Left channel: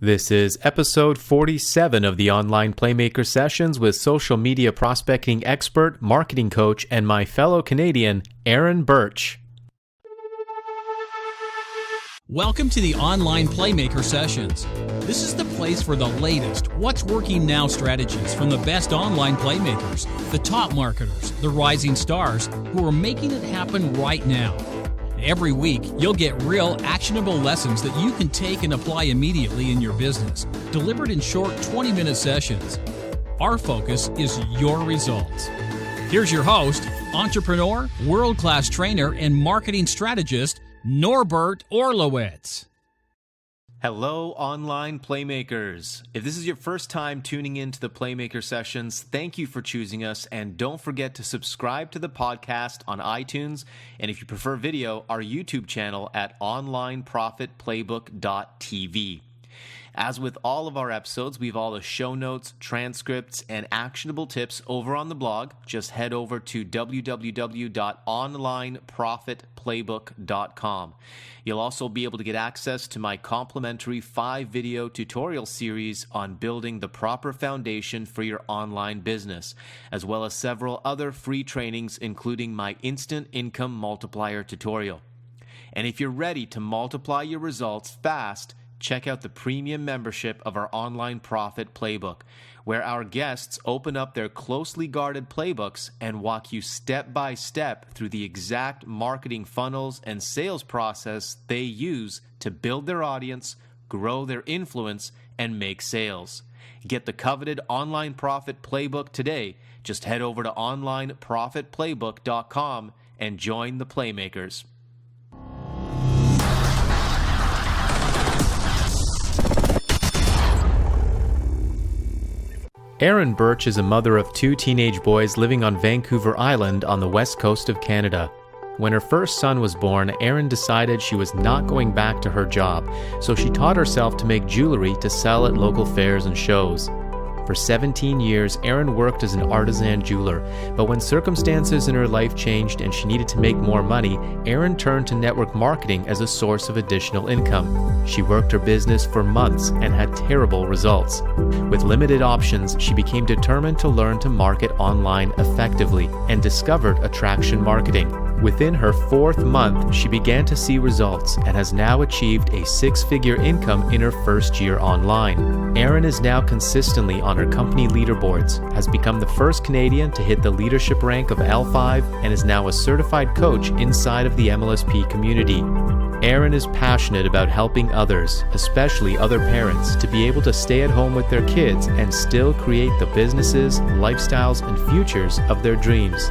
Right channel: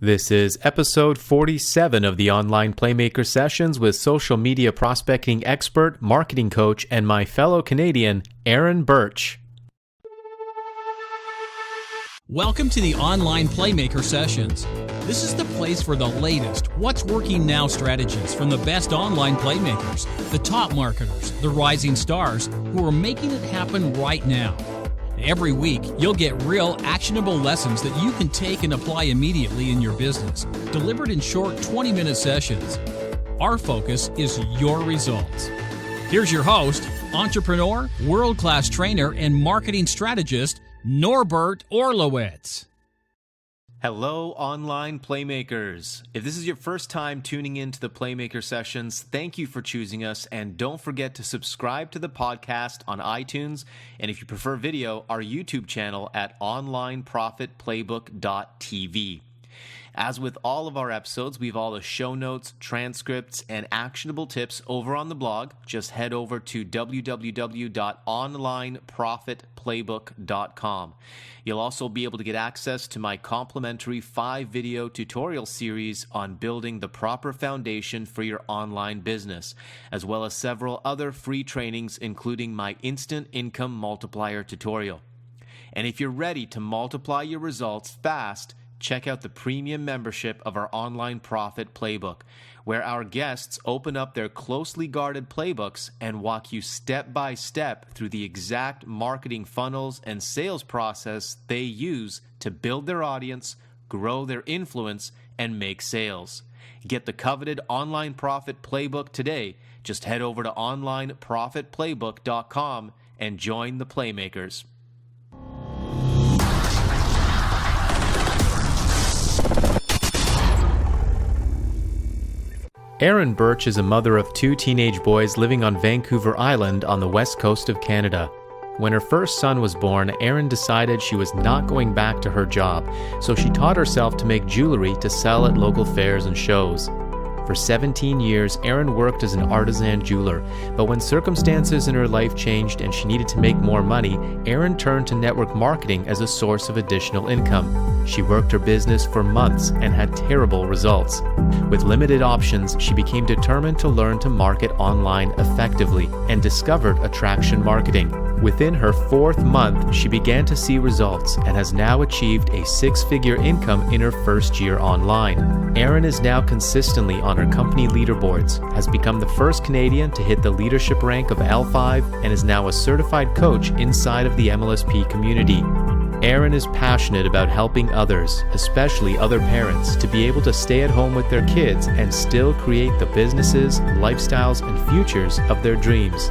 This is episode 47 of the Online Playmaker Sessions with social media prospecting expert, marketing coach, and my fellow Canadian, Erin Birch. Welcome to the Online Playmaker Sessions. This is the place for the latest what's working now strategies from the best online playmakers, the top marketers, the rising stars who are making it happen right now. Every week, you'll get real, actionable lessons that you can take and apply immediately in your business, delivered in short 20-minute sessions. Our focus is your results. Here's your host, entrepreneur, world-class trainer, and marketing strategist, Norbert Orlowitz. Hello, online playmakers. If this is your first time tuning in to the Playmaker Sessions, thank you for choosing us, and don't forget to subscribe to the podcast on iTunes, and if you prefer video, our YouTube channel at onlineprofitplaybook.tv. As with all of our episodes, we have all the show notes, transcripts, and actionable tips over on the blog. Just head over to www.onlineprofitplaybook.com. You'll also be able to get access to my complimentary 5-video tutorial series on building the proper foundation for your online business, as well as several other free trainings, including my Instant Income Multiplier tutorial. And if you're ready to multiply your results fast, check out the premium membership of our Online Profit Playbook, where our guests open up their closely guarded playbooks and walk you step by step through the exact marketing funnels and sales process they use to build their audience, grow their influence, and make sales. Get the coveted Online Profit Playbook today. Just head over to onlineprofitplaybook.com and join the Playmakers. Erin Birch is a mother of 2 teenage boys living on Vancouver Island on the west coast of Canada. When her first son was born, Erin decided she was not going back to her job, so she taught herself to make jewelry to sell at local fairs and shows. For 17 years, Erin worked as an artisan jeweler, but when circumstances in her life changed and she needed to make more money, Erin turned to network marketing as a source of additional income. She worked her business for months and had terrible results. With limited options, she became determined to learn to market online effectively and discovered attraction marketing. Within her 4th month, she began to see results and has now achieved a 6-figure income in her first year online. Erin is now consistently on her company leaderboards, has become the first Canadian to hit the leadership rank of L5, and is now a certified coach inside of the MLSP community. Erin is passionate about helping others, especially other parents, to be able to stay at home with their kids and still create the businesses, lifestyles, and futures of their dreams.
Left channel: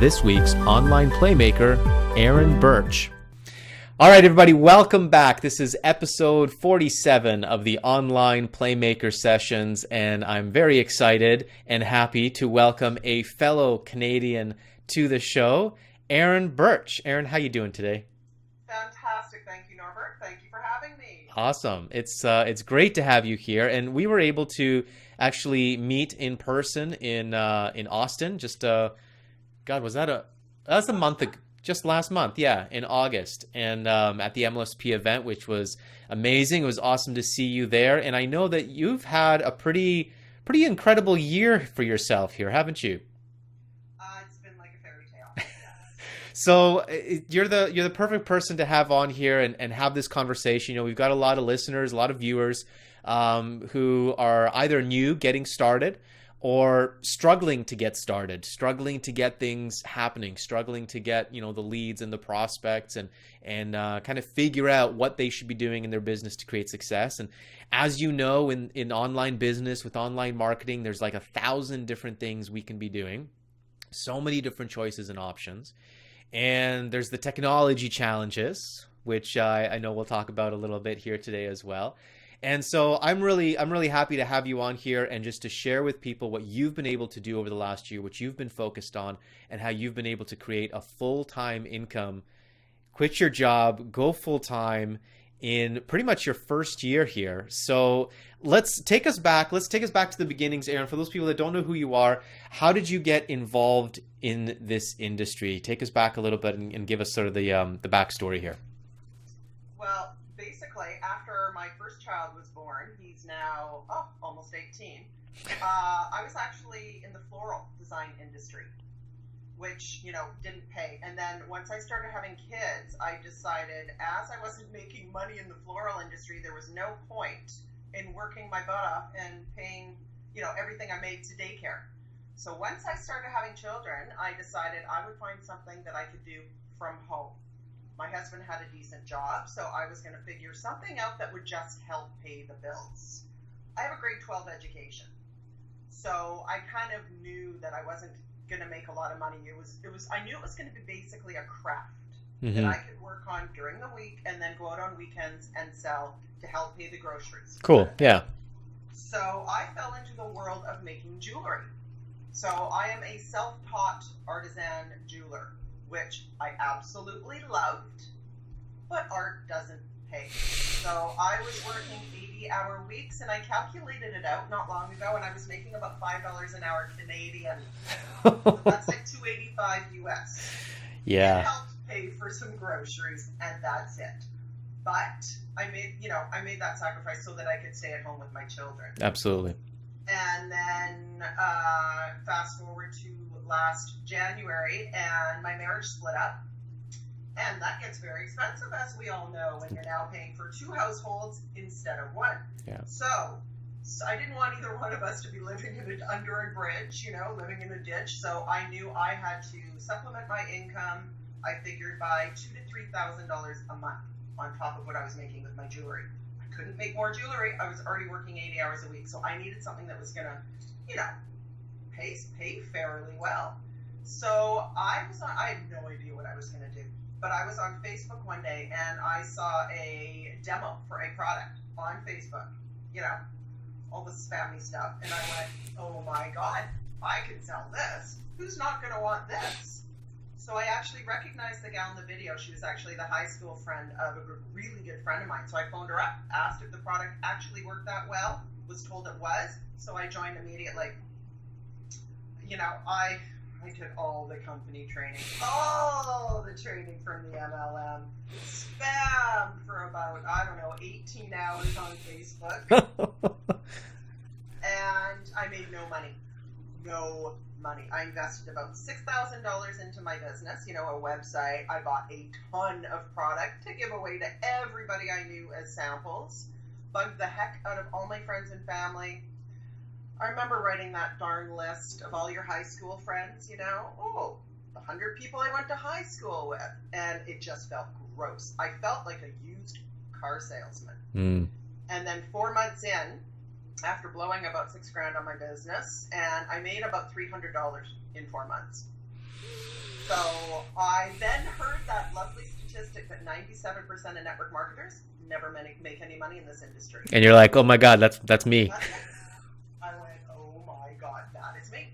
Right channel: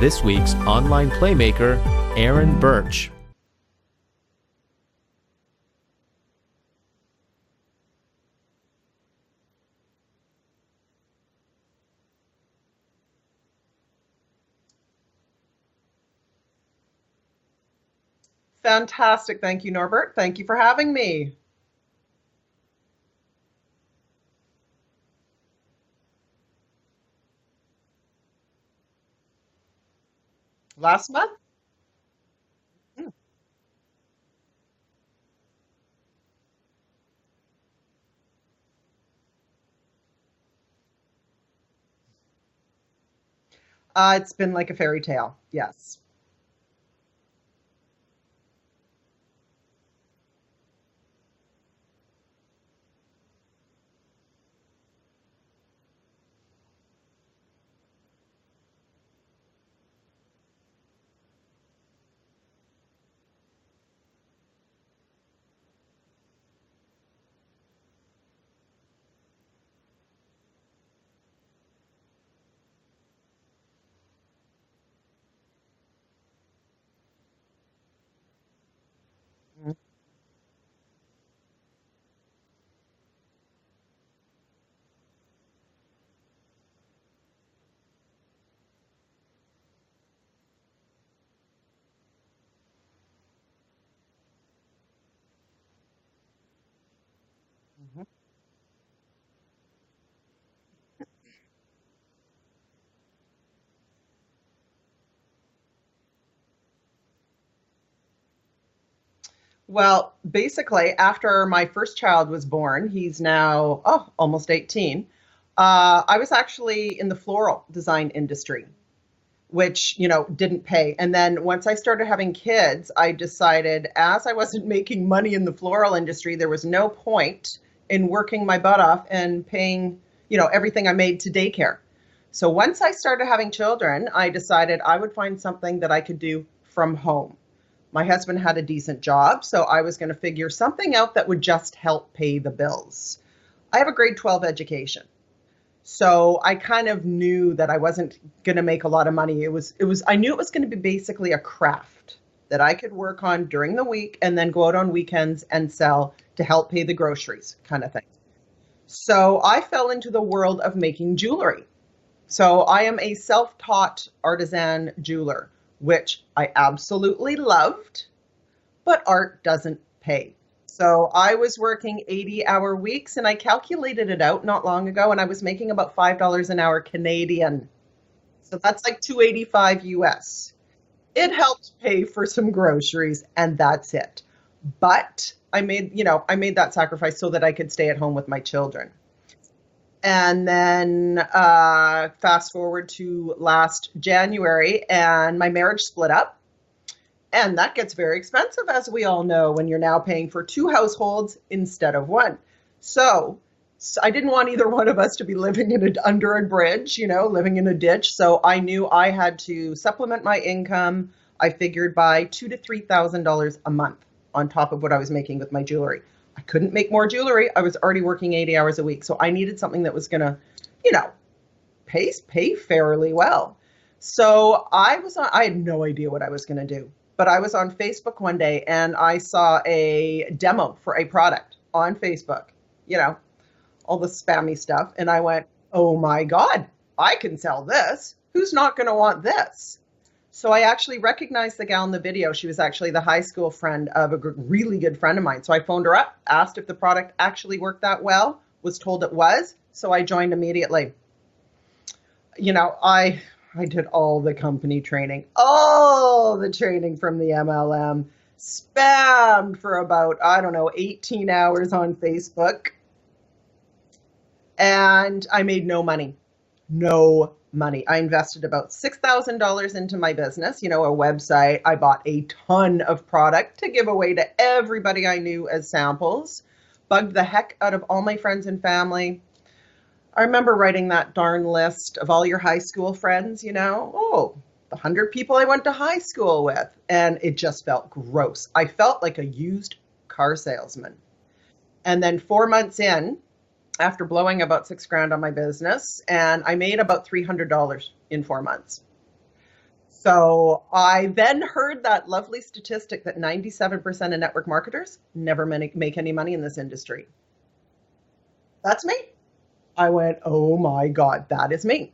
This week's online playmaker, Erin Birch. All right, everybody, welcome back. This is episode 47 of the Online Playmaker Sessions, and I'm very excited and happy to welcome a fellow Canadian to the show, Erin Birch. Erin, how you doing today? Fantastic. Thank you, Norbert. Thank you for having me. Awesome. It's great to have you here, and we were able to actually meet in person in Austin. Just was that a month ago? Just last month, yeah, in August, and at the MLSP event, which was amazing. It was awesome to see you there, and I know that you've had a pretty incredible year for yourself here, haven't you? It's been like a fairy tale, yes. So you're the perfect person to have on here and have this conversation. You know, we've got a lot of listeners, a lot of viewers who are either new, getting started, or struggling to get started, struggling to get things happening, struggling to get, the leads and the prospects and kind of figure out what they should be doing in their business to create success. And as you know, in online business with online marketing, there's like 1,000 different things we can be doing, so many different choices and options. And there's the technology challenges, which I know we'll talk about a little bit here today as well. And so I'm really happy to have you on here and just to share with people what you've been able to do over the last year, what you've been focused on, and how you've been able to create a full-time income, quit your job, go full-time in pretty much your first year here. So let's take us back to the beginnings, Erin. For those people that don't know who you are, how did you get involved in this industry? Take us back a little bit and give us sort of the backstory here. Well, basically, after my first child was born, he's now, almost 18. I was actually in the floral design industry, which, didn't pay. And then once I started having kids, I decided as I wasn't making money in the floral industry, there was no point in working my butt off and paying, everything I made to daycare. So once I started having children, I decided I would find something that I could do from home. My husband had a decent job, so I was going to figure something out that would just help pay the bills. I have a grade 12 education. So I kind of knew that I wasn't going to make a lot of money. I knew it was going to be basically a craft that I could work on during the week and then go out on weekends and sell to help pay the groceries. Cool. Kind of thing. Yeah. So I fell into the world of making jewelry. So I am a self-taught artisan jeweler, which I absolutely loved, but art doesn't pay. So I was working 80-hour weeks, and I calculated it out not long ago, and I was making about $5 an hour Canadian. So that's like $285 US. Yeah. It helped pay for some groceries, and that's it. But I made that sacrifice so that I could stay at home with my children. Absolutely. And then fast forward to last January, and my marriage split up. And that gets very expensive, as we all know, when you're now paying for two households instead of one. Yeah. So I didn't want either one of us to be living under a bridge, living in a ditch. So I knew I had to supplement my income. I figured by $2,000 to $3,000 a month on top of what I was making with my jewelry. I couldn't make more jewelry. I was already working 80 hours a week. So I needed something that was going to, pay fairly well. So I had no idea what I was going to do. But I was on Facebook one day and I saw a demo for a product on Facebook, all the spammy stuff. And I went, oh my God, I can sell this. Who's not going to want this? So I actually recognized the gal in the video. She was actually the high school friend of a really good friend of mine. So I phoned her up, asked if the product actually worked that well, was told it was. So I joined immediately. I did all the company training, all the training from the MLM, spammed for about, 18 hours on Facebook. And I made no money. No money. I invested about $6,000 into my business, a website. I bought a ton of product to give away to everybody I knew as samples. Bugged the heck out of all my friends and family. I remember writing that darn list of all your high school friends, the 100 people I went to high school with. And it just felt gross. I felt like a used car salesman. Mm. And then 4 months in, after blowing about $6,000 on my business, and I made about $300 in 4 months. So I then heard that lovely statistic that 97% of network marketers never make any money in this industry. And you're like, oh my God, that's me. That's me. I went, oh my God, that is me.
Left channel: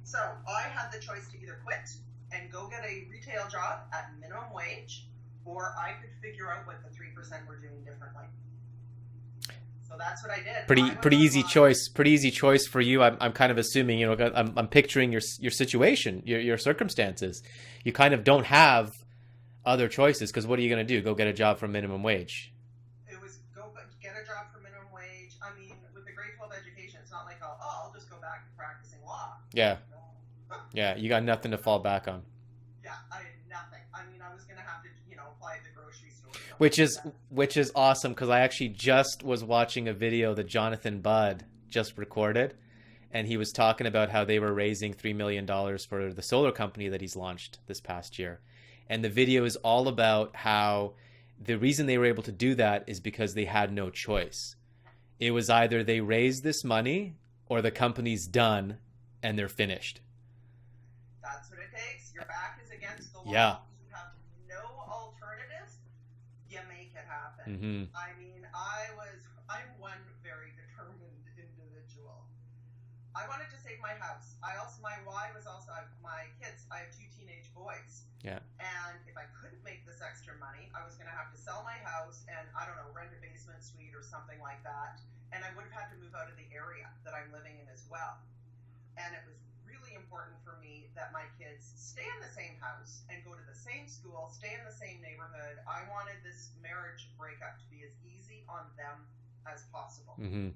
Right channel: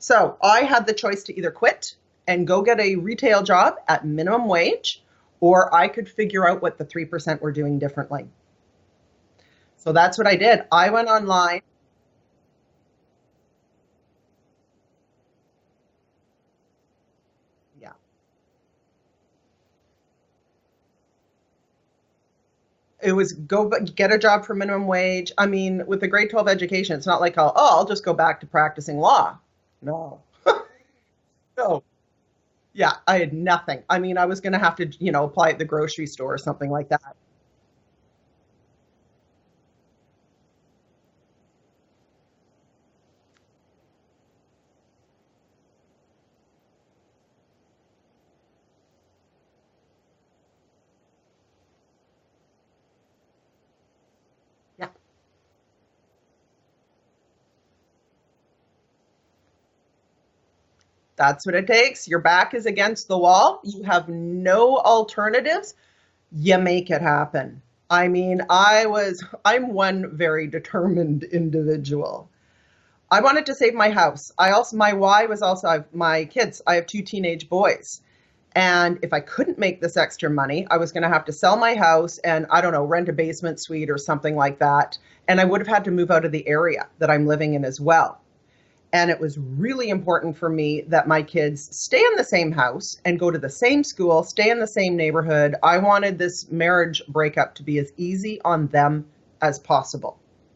So I had the choice to either quit and go get a retail job at minimum wage, or I could figure out what the 3% were doing differently. So that's what I did. I went online. Pretty easy choice for you. I'm kind of assuming, I'm picturing your situation, your circumstances. Yeah. You kind of don't have other choices, because what are you going to do? Go get a job for minimum wage? It was go get a job for minimum wage. I mean, with a grade 12 education, it's not like, I'll just go back to practicing law. Yeah. No. Yeah, you got nothing to fall back on. Yeah, I had nothing. I mean, I was going to have to, apply at the grocery store or something that. Which is awesome, because I actually just was watching a video that Jonathan Budd just recorded, and he was talking about how they were raising $3 million for the solar company that he's launched this past year. And the video is all about how the reason they were able to do that is because they had no choice. Yeah. It was either they raised this money or the company's done and they're finished. That's what it takes. Your back is against the wall. Yeah. You have no alternatives. You make it happen. Mm-hmm. I mean, I'm one very determined individual. I wanted to save my house. My why was also my kids. I have 2 teenage boys. Yeah. And if I couldn't make this extra money, I was going to have to sell my house and, rent a basement suite or something like that. And I would have had to move out of the area that I'm living in as well. And it was really important for me that my kids stay in the same house and go to the same school, stay in the same neighborhood. I wanted this marriage breakup to be as easy on them as possible. Mm-hmm.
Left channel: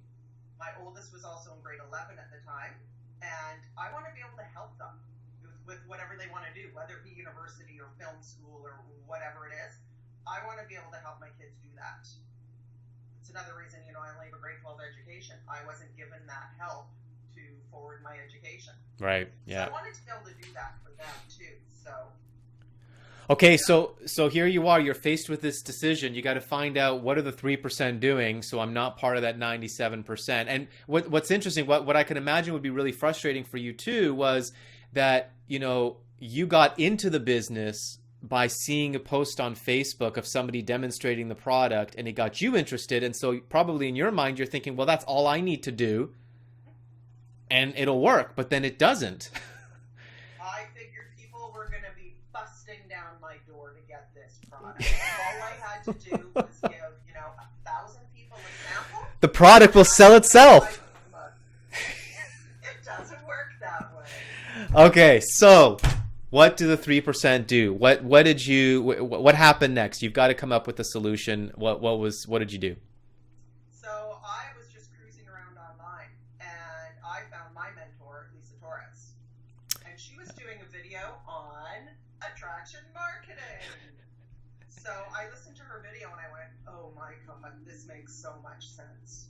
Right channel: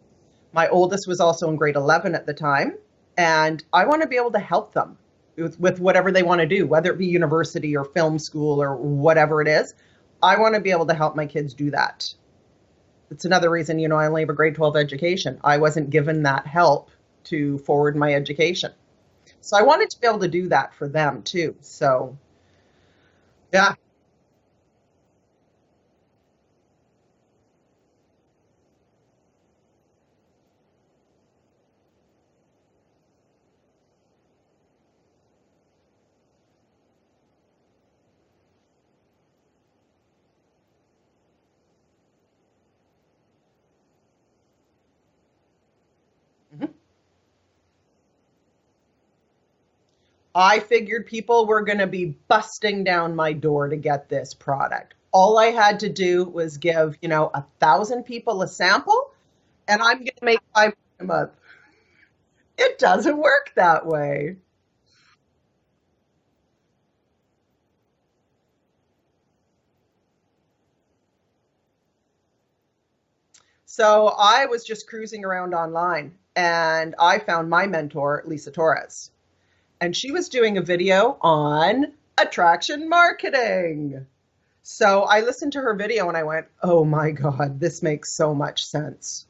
My oldest was also in grade 11 at the time, and I want to be able to help them with whatever they want to do, whether it be university or film school or whatever it is. I want to be able to help my kids do that. It's another reason, I only have a grade 12 education. I wasn't given that help to forward my education. Right. So I wanted to be able to do that for them too. So. Okay. Yeah. So here you are, you're faced with this decision. You got to find out, what are the 3% doing? So I'm not part of that 97%. And what's interesting, what I can imagine would be really frustrating for you too, was that, you got into the business by seeing a post on Facebook of somebody demonstrating the product, and it got you interested. And so probably in your mind, you're thinking, well, that's all I need to do. Mm-hmm. And it'll work, but then it doesn't. I figured people were going to be busting down my door to get this product. All I had to do was give, 1,000 people a sample. The product will sell itself. It doesn't work that way. Okay, so what do the 3% do? What happened next? You've got to come up with a solution. What did you do? So I was just cruising around online, and I found my mentor, Lisa Torres. And she was doing a video on attraction marketing. So I listened to her video and I went, oh my God, this makes so much sense.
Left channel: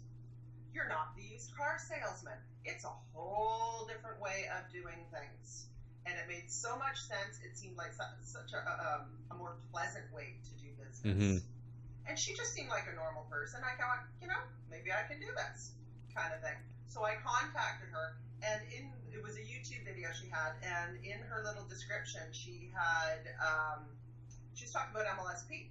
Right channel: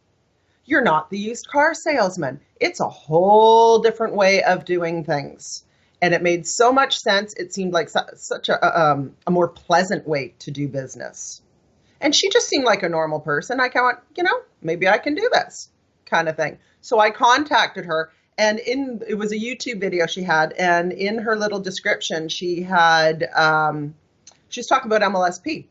You're not the used car salesman. It's a whole different way of doing things. And it made so much sense. It seemed like such a more pleasant way to do business. Mm-hmm. And she just seemed like a normal person. I went, maybe I can do this kind of thing. So I contacted her. And it was a YouTube video she had, and in her little description, she had, she was talking about MLSP.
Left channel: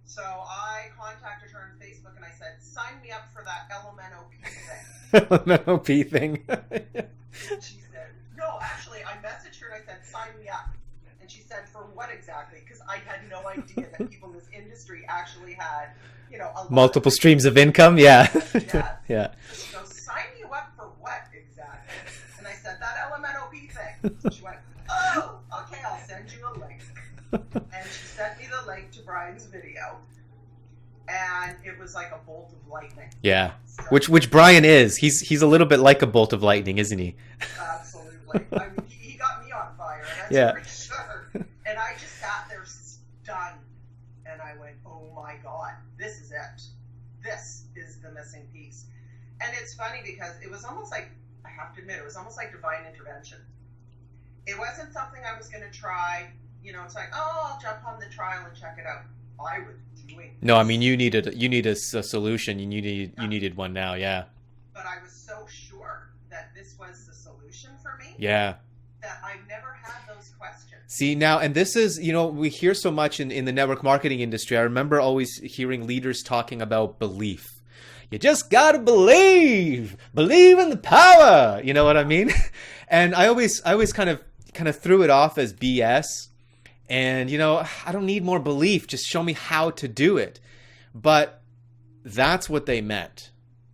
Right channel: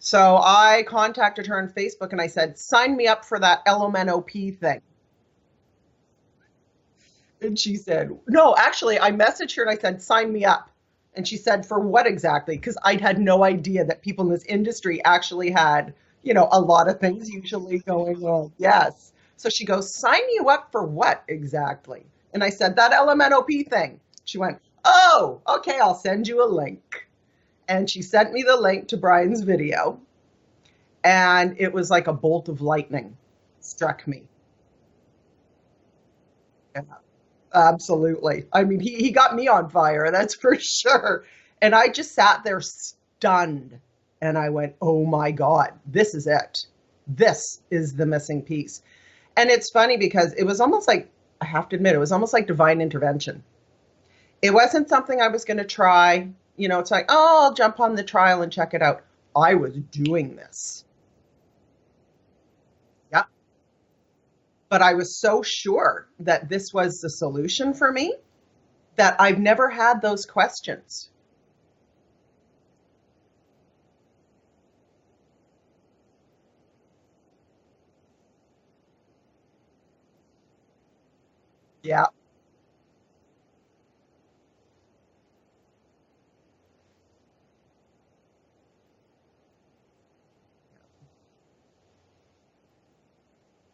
So I contacted her on Facebook and I said, sign me up for that LMNOP thing. LMNOP thing. And she said, no, actually, I messaged her and I said, sign me up. And she said, for what exactly? Because I had no idea that people in this industry actually had, a lot multiple of streams of income. Yeah. Yes. Yeah. So she goes, sign you up for what exactly? And I said, that LMNOP thing. She went, oh, okay, I'll send you a link. And she sent me the link to Brian's video. And it was like a bolt of lightning. Yeah. Which Brian is. He's a little bit like a bolt of lightning, isn't he? Absolutely. I mean, he got me on fire, that's for sure. And I just sat there stunned. And I went, oh my God, this is it. This is the missing piece. And it's funny because it was almost like, I have to admit, it was almost like divine intervention. It wasn't something I was going to try. It's like, oh, I'll jump on the trial and check it out. I was doing this. No, I mean, you needed a solution. You needed one now. Yeah. But I was so sure that this was the solution for me. Yeah. That I've never had those questions. See now, and this is, we hear so much in the network marketing industry. I remember always hearing leaders talking about belief. You just got to believe in the power. You know what I mean? And I always kind of threw it off as BS. And, I don't need more belief. Just show me how to do it. But that's what they meant.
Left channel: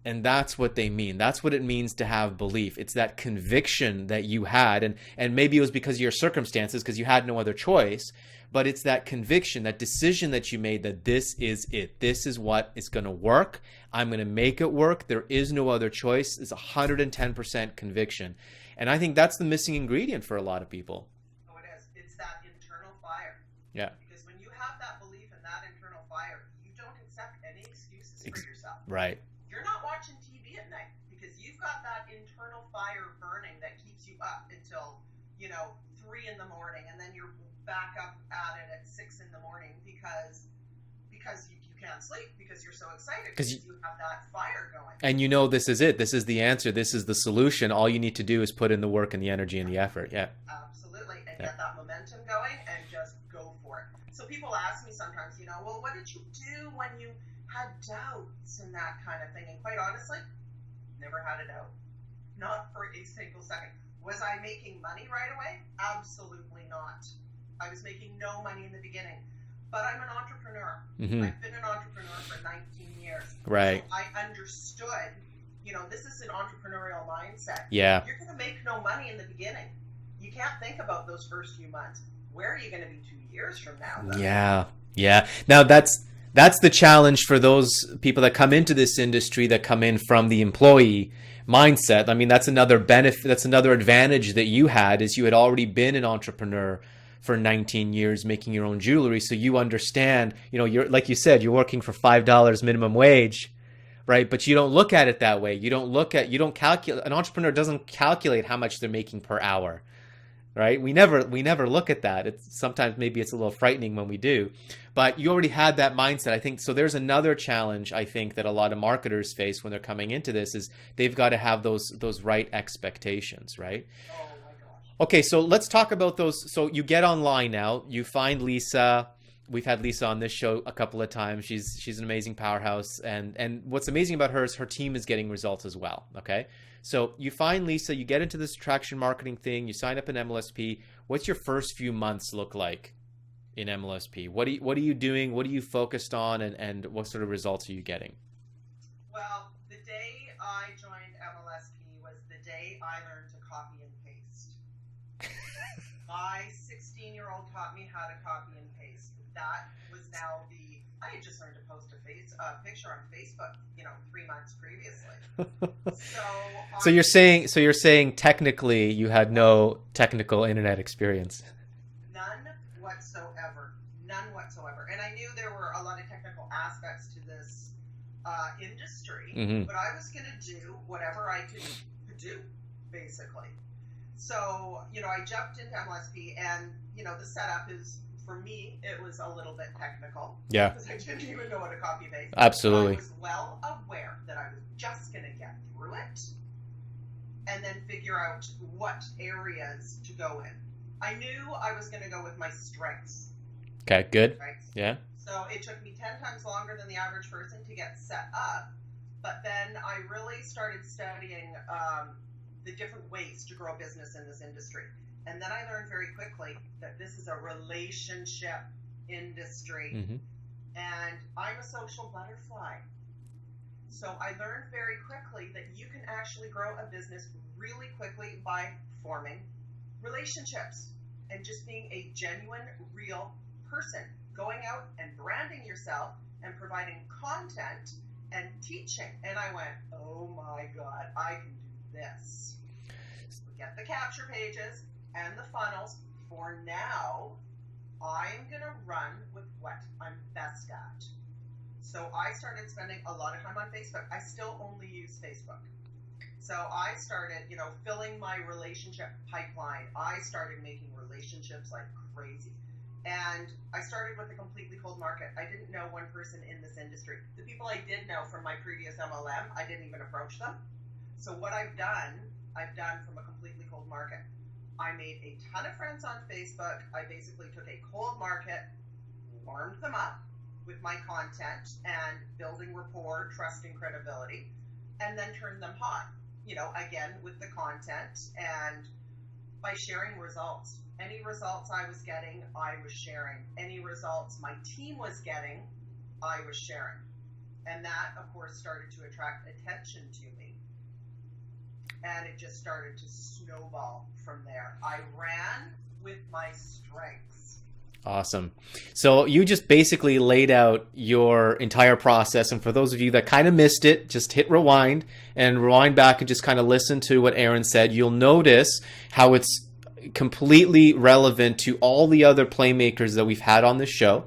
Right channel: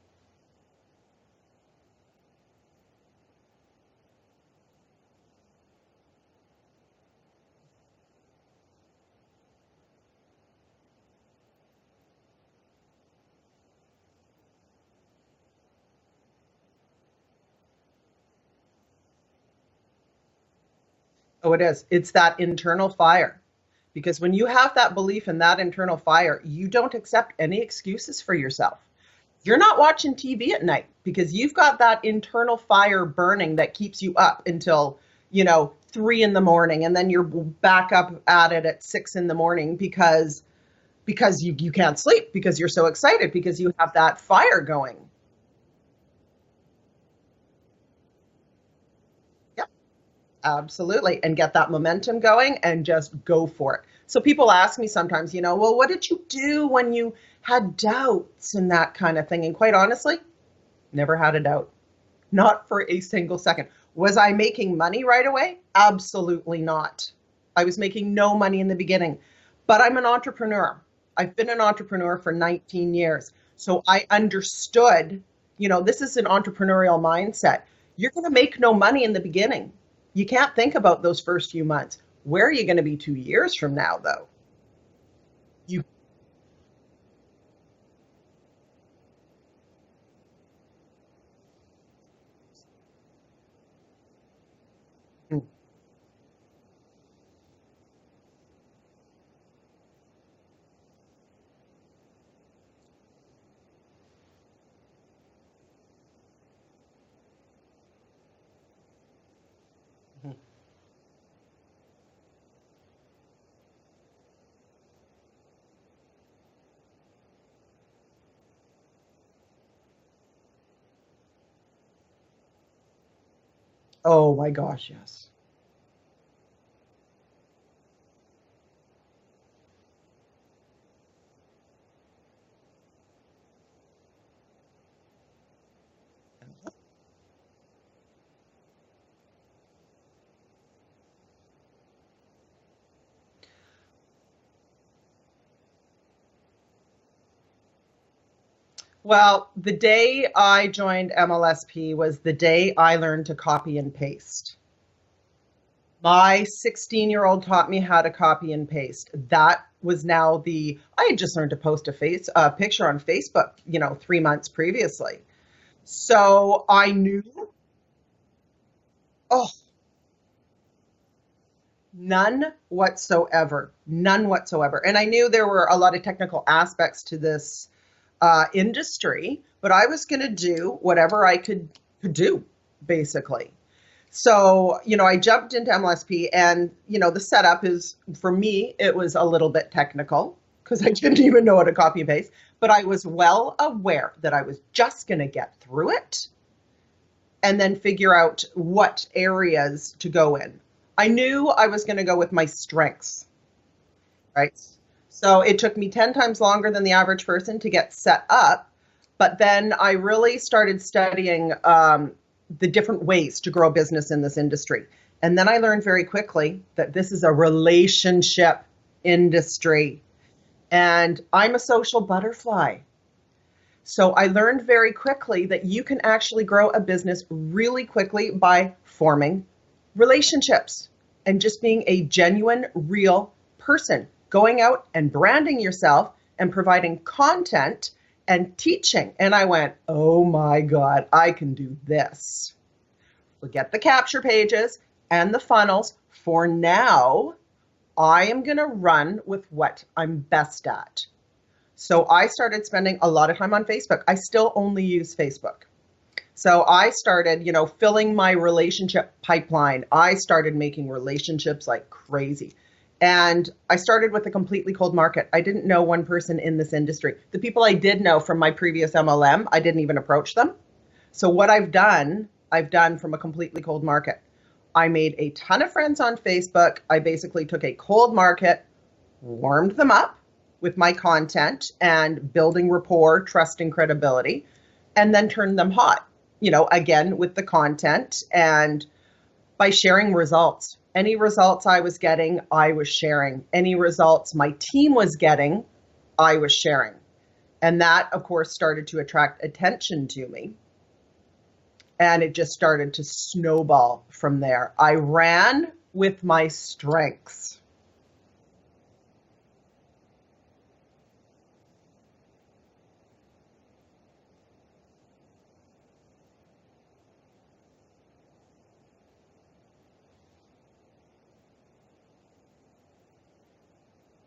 And that's what they mean. That's what it means to have belief. It's that conviction that you had. And maybe it was because of your circumstances, because you had no other choice. But it's that conviction, that decision that you made that this is it. This is what is going to work. I'm going to make it work. There is no other choice. It's 110% conviction. And I think that's the missing ingredient for a lot of people. Oh, it is. It's that internal fire. Yeah. Because when you have that belief in that internal fire, you don't accept any excuses for yourself. Right. You're not watching TV at night because you've got that internal fire burning that keeps you up until, 3 a.m. and then you're back up at it at 6 a.m. because you can't sleep because you're so excited because you have that fire going. And this is it. This is the answer. This is the solution. All you need to do is put in the work and the energy and the effort. Yeah. Absolutely. And get that momentum going and just go for it. So people ask me sometimes, well, what did you do when you had doubts and that kind of thing? And quite honestly, never had a doubt. Not for a single second. Was I making money right away? Absolutely not. I was making no money in the beginning, but I'm an entrepreneur. Mm-hmm. I've been an entrepreneur for 19 years. Right. So I understood, this is an entrepreneurial mindset. Yeah. You're going to make no money in the beginning. You can't think about those first few months. Where are you going to be 2 years from now, though? Yeah. Yeah. Now that's the challenge for those people that come into this industry, that come in from the employee mindset. I mean, that's another benefit. That's another advantage that you had, is you had already been an entrepreneur for 19 years making your own jewelry. So you understand, you're, like you said, you're working for $5 minimum wage, right? But you don't look at it that way. You don't calculate. An entrepreneur doesn't calculate how much they're making per hour, right? We never look at that. Sometimes maybe it's a little frightening when we do, but you already had that mindset, I think. So there's another challenge, I think, that a lot of marketers face when they're coming into this, is they've got to have those right expectations, right? Oh my gosh. Yes. Okay, so let's talk about those. So you get online now, you find Lisa. We've had Lisa on this show a couple of times. She's an amazing powerhouse, and what's amazing about her is her team is getting results as well. Okay, so you find Lisa, you get into this attraction marketing thing, you sign up in MLSP. What's your first few months look like in MLSP? What are you doing? What are you focused on, and what sort of results are you getting? Well, the day I joined MLSP was the day I learned to copy and paste. My 16-year-old taught me how to copy and paste. That was I had just learned to post a picture on Facebook, 3 months previously. So you're saying technically you had no technical internet experience. None whatsoever. And I knew there were a lot of technical aspects to this industry, but I was going to do whatever I could do, basically. So, I jumped into MLSP, and, the setup is, for me, it was a little bit technical. Yeah. Because I didn't even know how to copy and paste. Absolutely. But I was well aware that I was just going to get through it and then figure out what areas to go in. I knew I was going to go with my strengths. Okay, good. Right? Yeah. So it took me 10 times longer than the average person to get set up. But then I really started studying the different ways to grow a business in this industry. And then I learned very quickly that this is a relationship industry. And I'm a social butterfly. So I learned very quickly that you can actually grow a business really quickly by forming relationships and just being a genuine, real person, going out and branding yourself and providing content and teaching. And I went, oh my God, I can do this. So get the capture pages and the funnels. For now, I am going to run with what I'm best at. So I started spending a lot of time on Facebook. I still only use Facebook. So I started, filling my relationship pipeline. I started making relationships like crazy. And I started with a completely cold market. I didn't know one person in this industry. The people I did know from my previous MLM, I didn't even approach them. So what I've done from a completely cold market. I made a ton of friends on Facebook. I basically took a cold market, warmed them up with my content and building rapport, trust, and credibility, and then turned them hot, again, with the content and by sharing results. Any results I was getting, I was sharing. Any results my team was getting, I was sharing. And that, of course, started to attract attention to me. And it just started to snowball from there. I ran with my strengths. Awesome. So you just basically laid out your entire process. And for those of you that kind of missed it, just hit rewind and rewind back and just kind of listen to what Erin said. You'll notice how it's completely relevant to all the other playmakers that we've had on this show.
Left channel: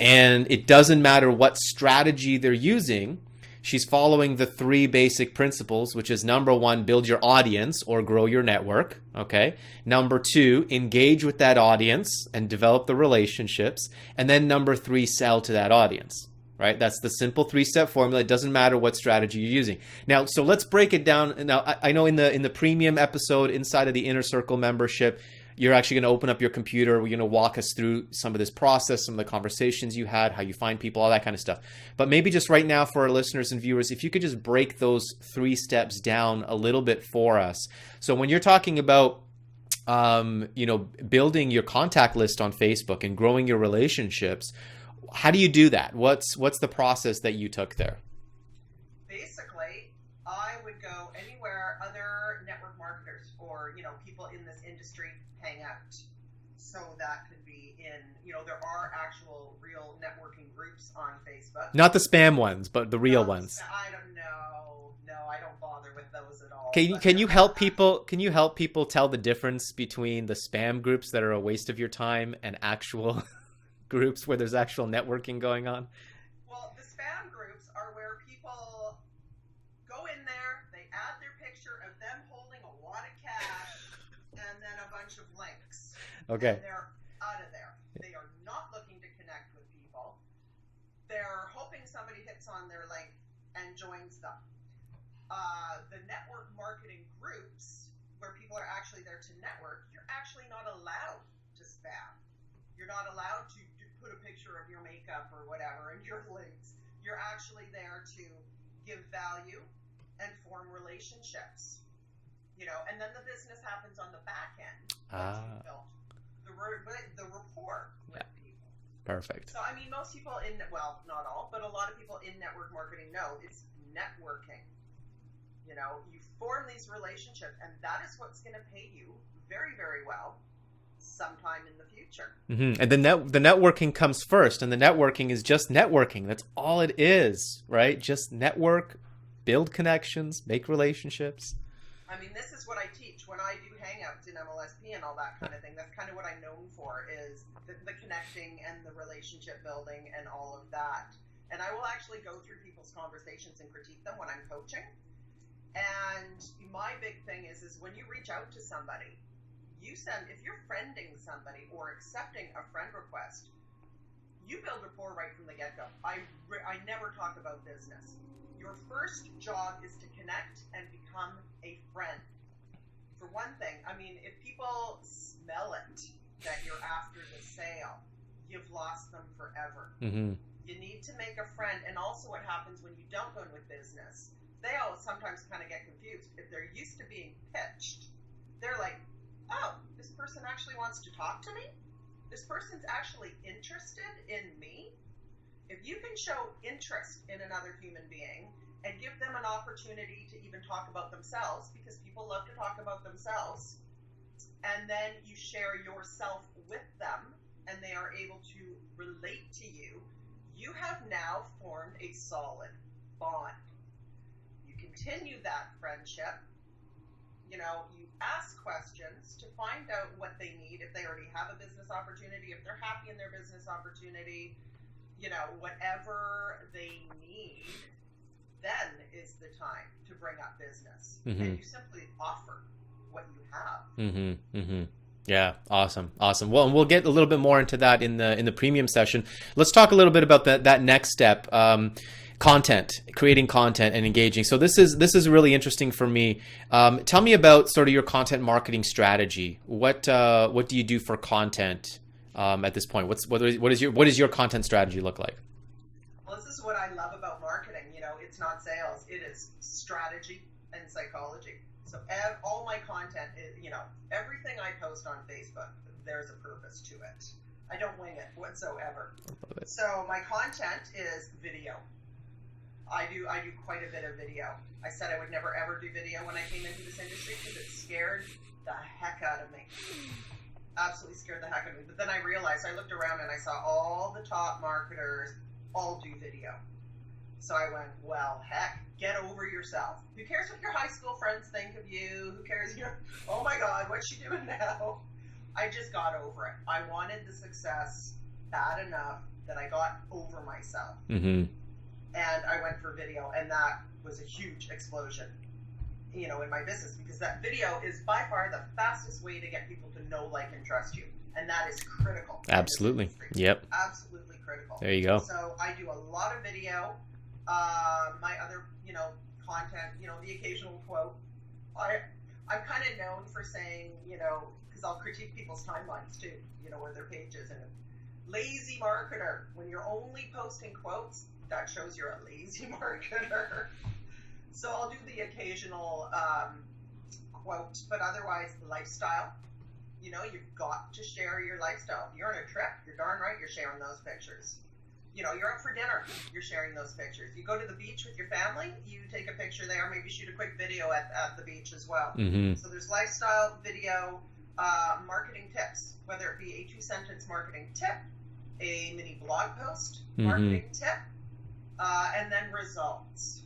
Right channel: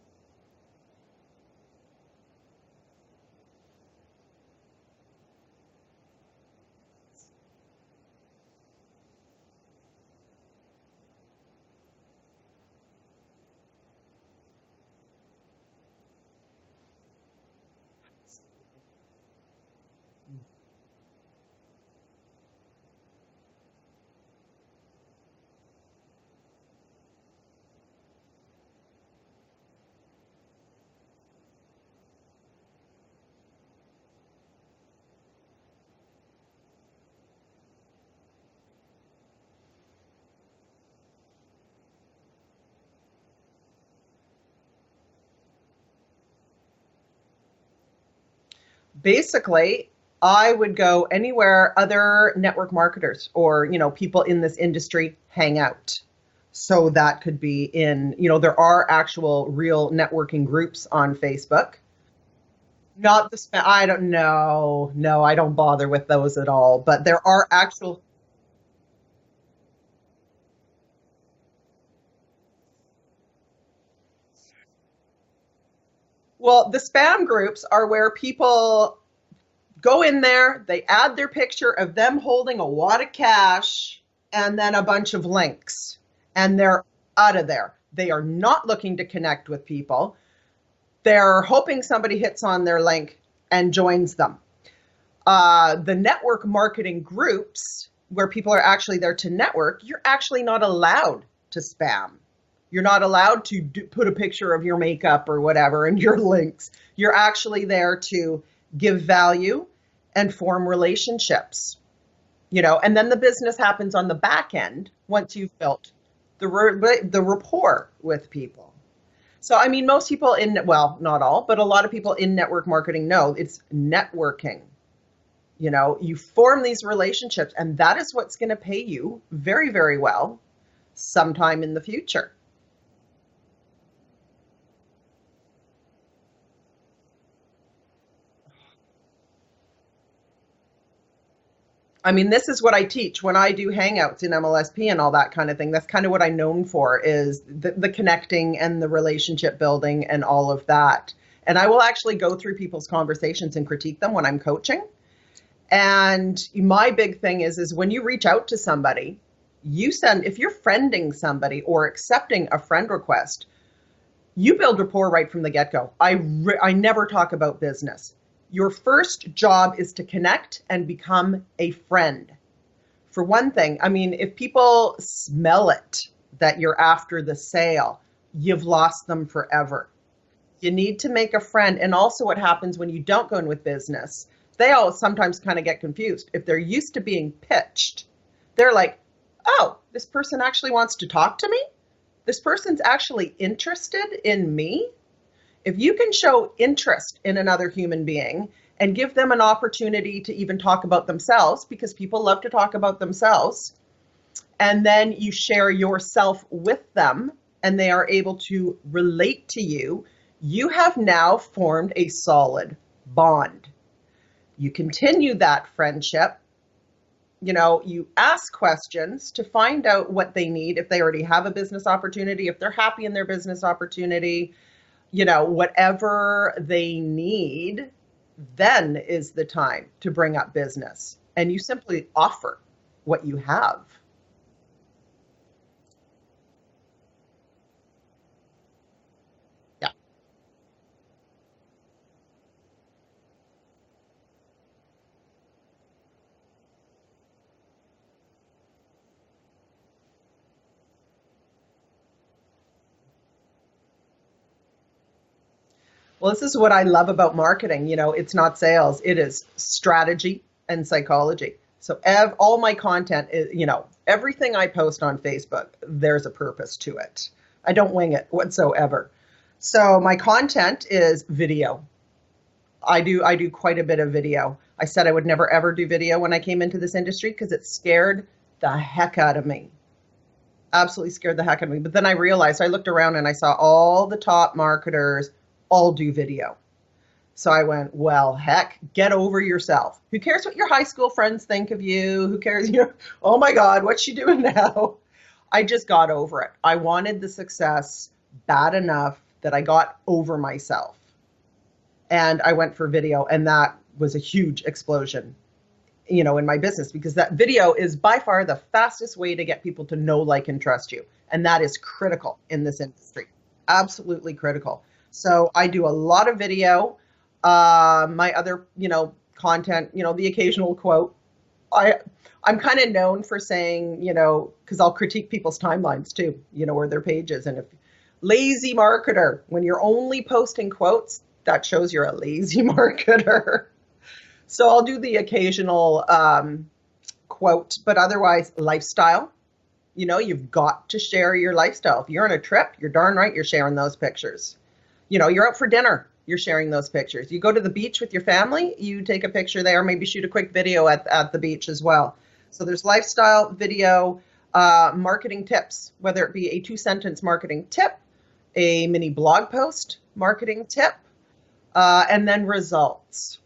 And it doesn't matter what strategy they're using. She's following the 3 basic principles, which is number 1, build your audience or grow your network. Okay. Number 2, engage with that audience and develop the relationships. And then number 3, sell to that audience. Right? That's the simple 3-step formula. It doesn't matter what strategy you're using. Now, so let's break it down. Now, I know in the premium episode inside of the Inner Circle membership, you're actually going to open up your computer. We're going to walk us through some of this process, some of the conversations you had, how you find people, all that kind of stuff. But maybe just right now for our listeners and viewers, if you could just break those 3 steps down a little bit for us. So when you're talking about, building your contact list on Facebook and growing your relationships, how do you do that? What's the process that you took there? Basically, I would go anywhere other network marketers or, people in this industry hang out. So that could be in, there are actual real networking groups on Facebook. Not the spam ones, but the real ones. I don't know. No, I don't bother with those at all. Can you help people? Can you help people tell the difference between the spam groups that are a waste of your time and actual groups where there's actual networking going on? Well, the spam groups are where people go in there, they add their picture of them holding a wad of cash and then a bunch of links. Okay. And they're out of there. They are not looking to connect with people. They're hoping somebody hits on their link and joins them. The network marketing groups where people are actually there to network, you're actually not allowed to spam. You're not allowed to put a picture of your makeup or whatever and your links. You're actually there to give value and form relationships, and then the business happens on the back end once you've built the rapport with people. Perfect. So, most people not all, but a lot of people in network marketing know it's networking. You form these relationships, and that is what's going to pay you very, very well sometime in the future. Mm-hmm. And the networking comes first, and the networking is just networking. That's all it is, right? Just network, build connections, make relationships. This is what I teach when I do hangouts in MLSP and all that kind of thing. That's kind of what I'm known for, is the connecting and the relationship building and all of that. And I will actually go through people's conversations and critique them when I'm coaching. And my big thing is when you reach out to somebody, if you're friending somebody or accepting a friend request, you build rapport right from the get-go. I never talk about business. Your first job is to connect and become a friend. For one thing, if people smell it that you're after the sale, you've lost them forever. Mm-hmm. You need to make a friend. And also what happens when you don't go in with business, they all sometimes kind of get confused. If they're used to being pitched, they're like, oh, this person actually wants to talk to me? This person's actually interested in me? If you can show interest in another human being and give them an opportunity to even talk about themselves, because people love to talk about themselves, and then you share yourself with them and they are able to relate to you, you have now formed a solid bond. You continue that friendship. You ask questions to find out what they need, if they already have a business opportunity, if they're happy in their business opportunity, whatever they need, then is the time to bring up business. Mm-hmm. And you simply offer what you have. Mm-hmm. Mm-hmm. Yeah. Awesome. Well, and we'll get a little bit more into that in the premium session. Let's talk a little bit about that next step. Content, creating content and engaging. So this is really interesting for me. Tell me about sort of your content marketing strategy. What do you do for content at this point? What does your content strategy look like? Well, this is what I love about marketing. It's not sales. It is strategy and psychology. So all my content is, everything I post on Facebook, there's a purpose to it. I don't wing it whatsoever. So my content is video. I do quite a bit of video. I said I would never ever do video when I came into this industry because it scared the heck out of me. Absolutely scared the heck out of me. But then I realized, I looked around and I saw all the top marketers all do video. So I went, well, heck, get over yourself. Who cares what your high school friends think of you? Who cares? Oh my God, what's she doing now? I just got over it. I wanted the success bad enough that I got over myself. Mm-hmm. And I went for video, and that was a huge explosion, in my business, because that video is by far the fastest way to get people to know, like, and trust you. And that is critical in this industry. Yep. Absolutely critical. There you go. So I do a lot of video. My other, content, the occasional quote. I'm kind of known for saying, because I'll critique people's timelines too, or their pages. And if lazy marketer, when you're only posting quotes, that shows you're a lazy marketer. So I'll do the occasional quote, but otherwise lifestyle. You've got to share your lifestyle. If you're on a trip, you're darn right you're sharing those pictures. you're out for dinner, you're sharing those pictures. You go to the beach with your family, you take a picture there, maybe shoot a quick video at the beach as well. So there's lifestyle, video, marketing tips, whether it be a 2-sentence marketing tip, a mini blog post marketing tip, and then results.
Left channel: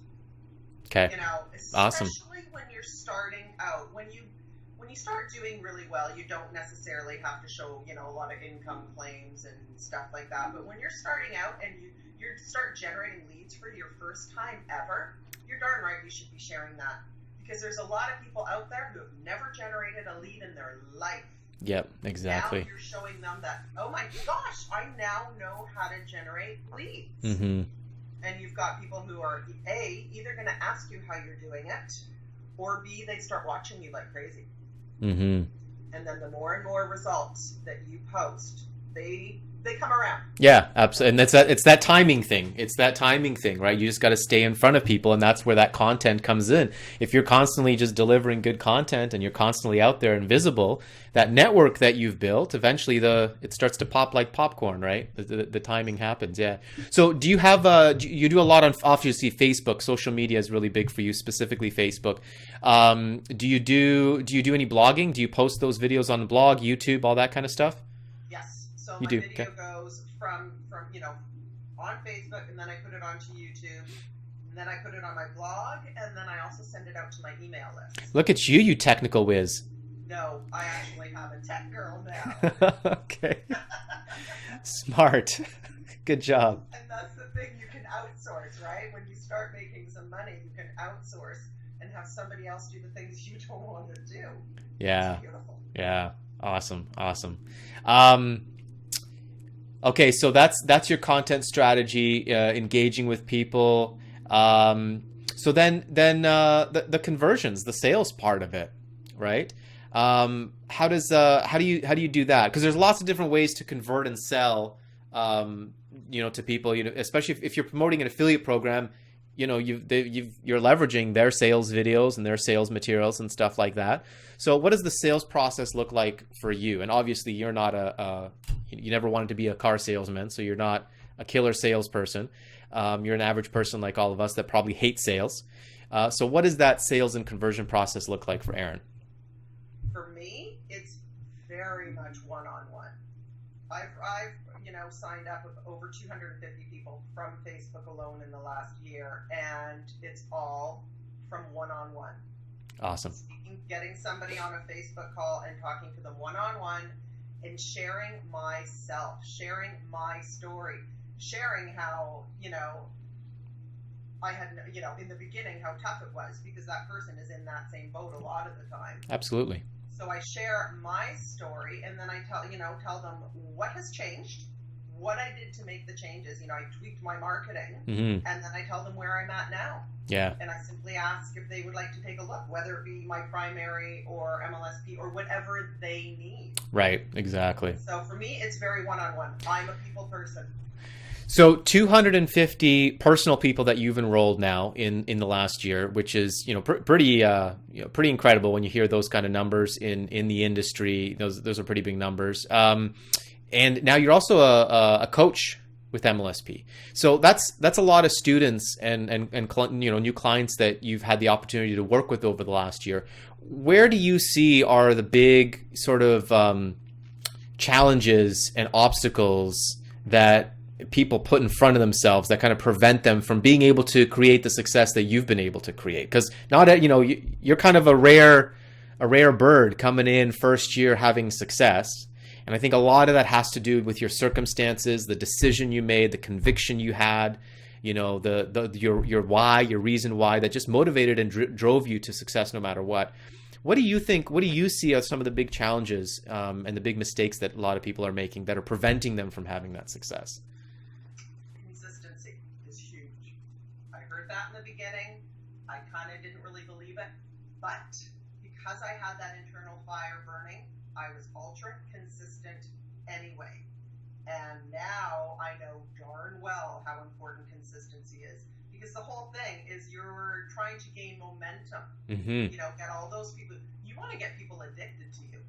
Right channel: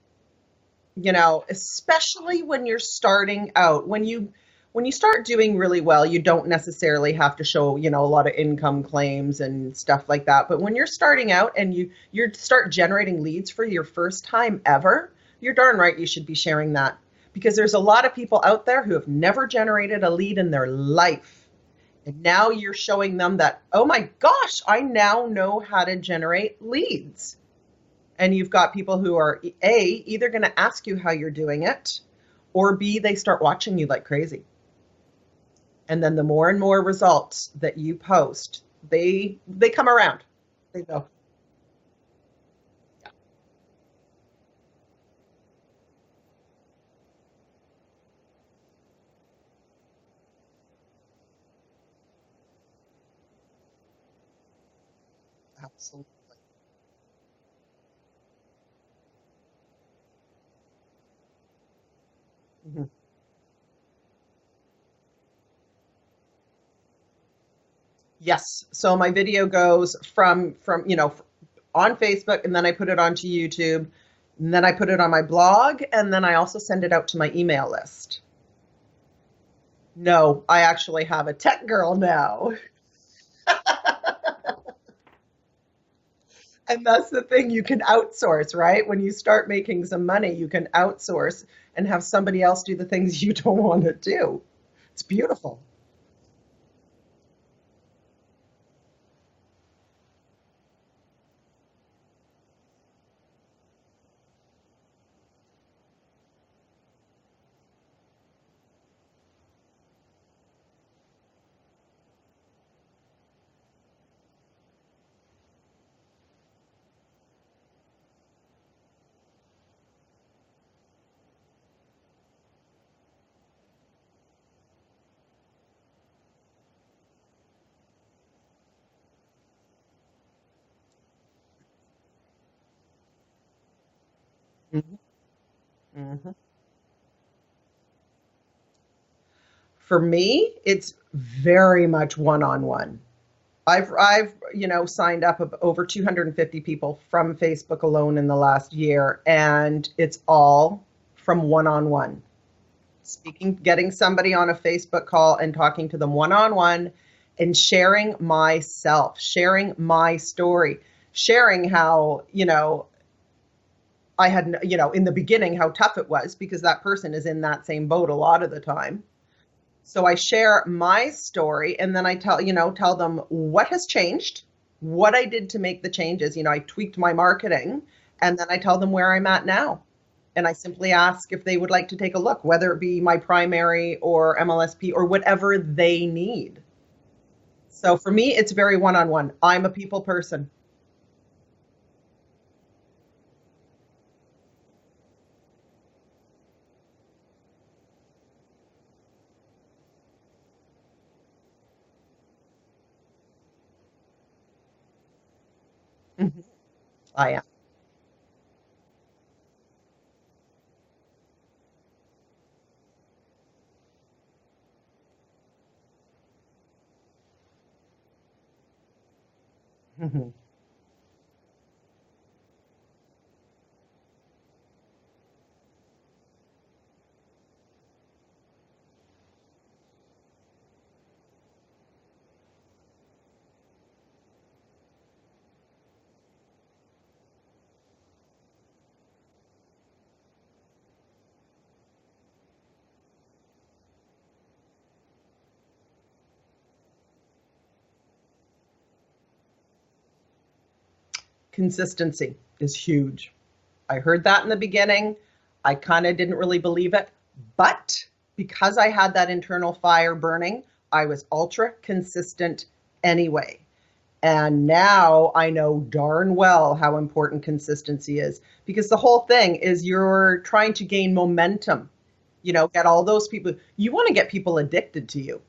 Okay. Especially when you're starting out, when you start doing really well, you don't necessarily have to show, a lot of income claims and stuff like that. But when you're starting out and you start generating leads for your first time ever, you're darn right you should be sharing that, because there's a lot of people out there who have never generated a lead in their life. Yep, exactly. Now you're showing them that, oh my gosh, I now know how to generate leads. And you've got people who are A, either going to ask you how you're doing it, or B, they start watching you like crazy. And then the more and more results that you post, they come around. Yeah, absolutely. And it's that timing thing. It's that timing thing, right? You just got to stay in front of people, and that's where that content comes in. If you're constantly just delivering good content and you're constantly out there and visible, that network that you've built, eventually it starts to pop like popcorn, right? The timing happens. Yeah. So do you have you do a lot on, obviously, Facebook? Social media is really big for you, specifically Facebook. Do you do any blogging? Do you post those videos on the blog, YouTube, all that kind of stuff? Yes. So my video goes from on Facebook, and then I put it onto YouTube, and then I put it on my blog, and then I also send it out to my email list. Look at you technical whiz. No, I actually have a tech girl now. Okay. Smart. Good job. And that's the thing, you can outsource, right? When you start making some money, you can outsource and have somebody else do the things you don't want to do. Yeah. It's beautiful. Yeah. Awesome. Okay, so that's your content strategy, engaging with people. So then the conversions, the sales part of it, right? How do you do that? Because there's lots of different ways to convert and sell, to people. Especially if you're promoting an affiliate program, you're leveraging their sales videos and their sales materials and stuff like that. So what does the sales process look like for you? And obviously you're not you never wanted to be a car salesman, so you're not a killer salesperson. You're an average person like all of us that probably hate sales. So what does that sales and conversion process look like for Erin? For me, it's very much one-on-one. I've signed up over 250 people from Facebook alone in the last year, and it's all from one-on-one. Awesome. Getting somebody on a Facebook call and talking to them one-on-one, and sharing myself, sharing my story, sharing how, I had, in the beginning, how tough it was, because that person is in that same boat a lot of the time. Absolutely. So I share my story, and then I tell them what has changed, what I did to make the changes. I tweaked my marketing, and then I tell them where I'm at now. Yeah. And I simply ask if they would like to take a look, whether it be my primary or MLSP or whatever they need. Right. Exactly. So for me, it's very one-on-one. I'm a people person. So 250 personal people that you've enrolled now in the last year, which is pretty incredible when you hear those kind of numbers in the industry. Those are pretty big numbers. And now you're also a coach with MLSP. So that's a lot of students and new clients that you've had the opportunity to work with over the last year. Where do you see are the big sort of challenges and obstacles that people put in front of themselves that kind of prevent them from being able to create the success that you've been able to create? Because you're kind of a rare bird coming in first year having success. And I think a lot of that has to do with your circumstances, the decision you made, the conviction you had, your why, your reason why that just motivated and drove you to success no matter what. What do you think? What do you see as some of the big challenges and the big mistakes that a lot of people are making that are preventing them from having that success? Consistency is huge. I heard that in the beginning. I kind of didn't really believe it, but because I had that internal fire burning, I was ultra consistent anyway. And now I know darn well how important consistency is, because the whole thing is you're trying to gain momentum. Get all those people. You want to get people addicted to you.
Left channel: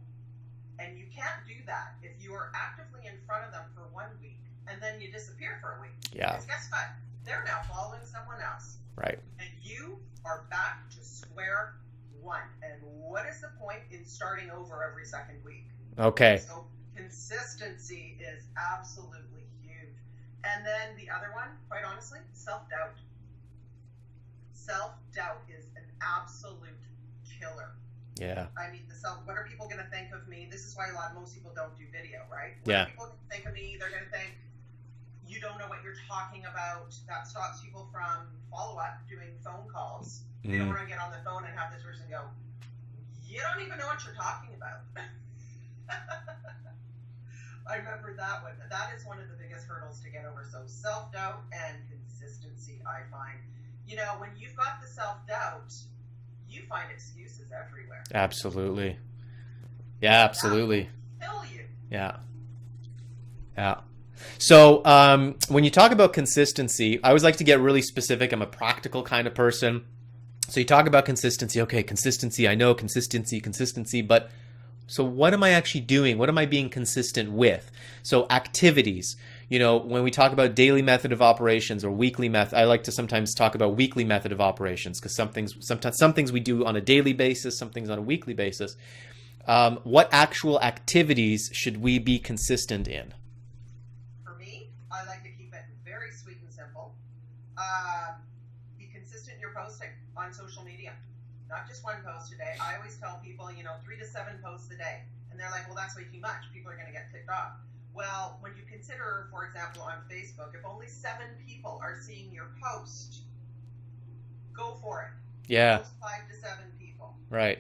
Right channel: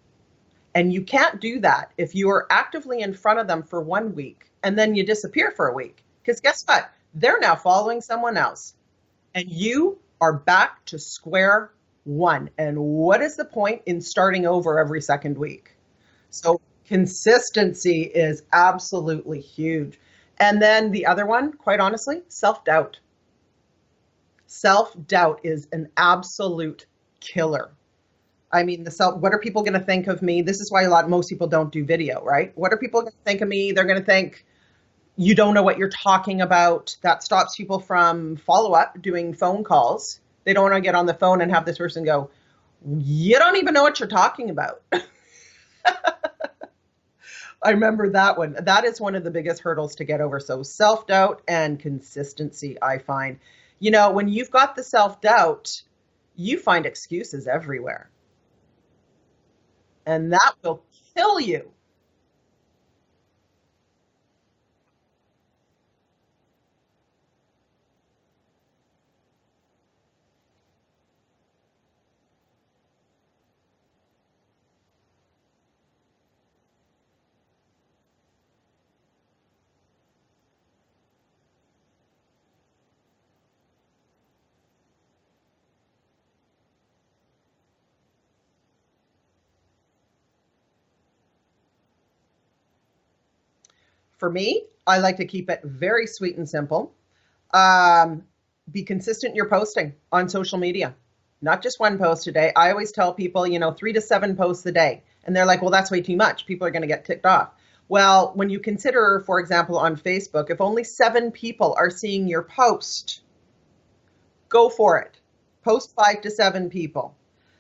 And you can't do that if you are actively in front of them for 1 week and then you disappear for a week. Yeah. Because guess what? They're now following someone else. Right. And you are back to square one. And what is the point in starting over every second week? Okay. So consistency is absolutely huge. And then the other one, quite honestly, self-doubt. Self-doubt is an absolute killer. Yeah. I mean, what are people going to think of me? This is why most people don't do video, right? What are people going to think of me? They're going to think you don't know what you're talking about. That stops people from follow-up, doing phone calls. They don't want to get on the phone and have this person go, you don't even know what you're talking about. I remember that one. That is one of the biggest hurdles to get over. So self-doubt and consistency, I find. You know, when you've got the self-doubt, you find excuses everywhere. Absolutely. Yeah, and absolutely. That will kill you. Yeah. Yeah. So when you talk about consistency, I always like to get really specific. I'm a practical kind of person. So you talk about consistency. Okay, consistency. I know consistency. But so what am I actually doing? What am I being consistent with? So activities. You know, when we talk about daily method of operations or weekly method, I like to sometimes talk about weekly method of operations because sometimes some things we do on a daily basis, some things on a weekly basis. What actual activities should we be consistent in? For me, I like to keep it very sweet and simple. Be consistent in your posting on social media. Not just one post a day. I always tell people, 3 to 7 posts a day. And they're like, well, that's way too much. People are going to get ticked off. Well, when you consider, for example, on Facebook, if only 7 people are seeing your post, go for it. Yeah. Post 5 to 7 people. Right.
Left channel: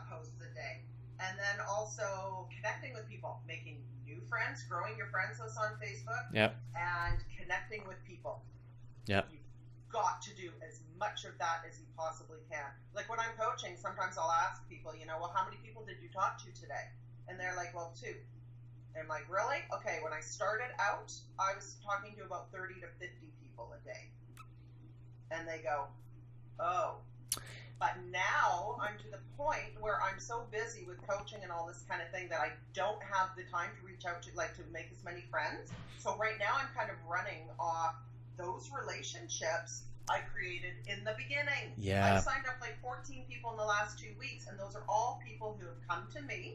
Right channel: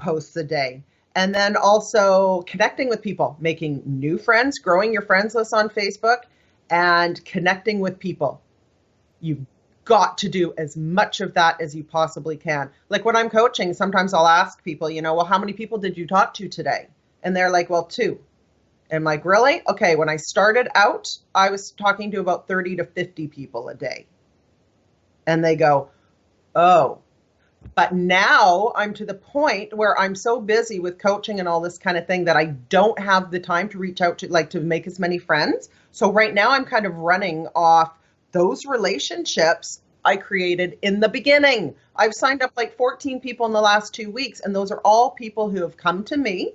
Posts a day. And then also connecting with people, making new friends, growing your friends list on Facebook, and connecting with people. Yeah. You've got to do as much of that as you possibly can. Like when I'm coaching, sometimes I'll ask people, well, how many people did you talk to today? And they're like, well, 2. And I'm like, really? Okay, when I started out, I was talking to about 30 to 50 people a day. And they go, oh. But now I'm to the point where I'm so busy with coaching and all this kind of thing that I don't have the time to reach out to make as many friends. So right now I'm kind of running off those relationships I created in the beginning. Yeah. I've signed up like 14 people in the last 2 weeks, and those are all people who have come to me.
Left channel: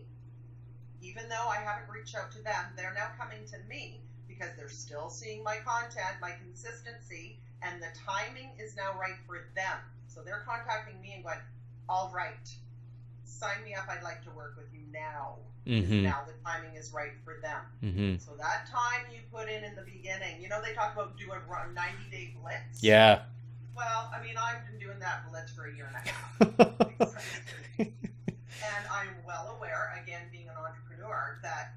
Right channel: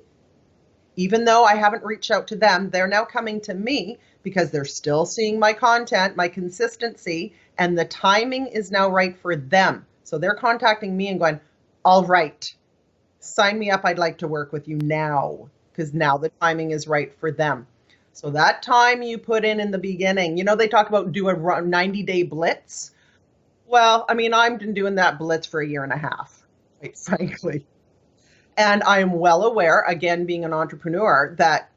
Even though I haven't reached out to them, they're now coming to me because they're still seeing my content, my consistency, and the timing is now right for them. So they're contacting me and going, all right, sign me up. I'd like to work with you now because now the timing is right for them. So that time you put in the beginning, they talk about do a 90-day blitz. Yeah. Well, I mean, I've been doing that blitz for 1.5 years. Exactly. And I'm well aware, again, being an entrepreneur, that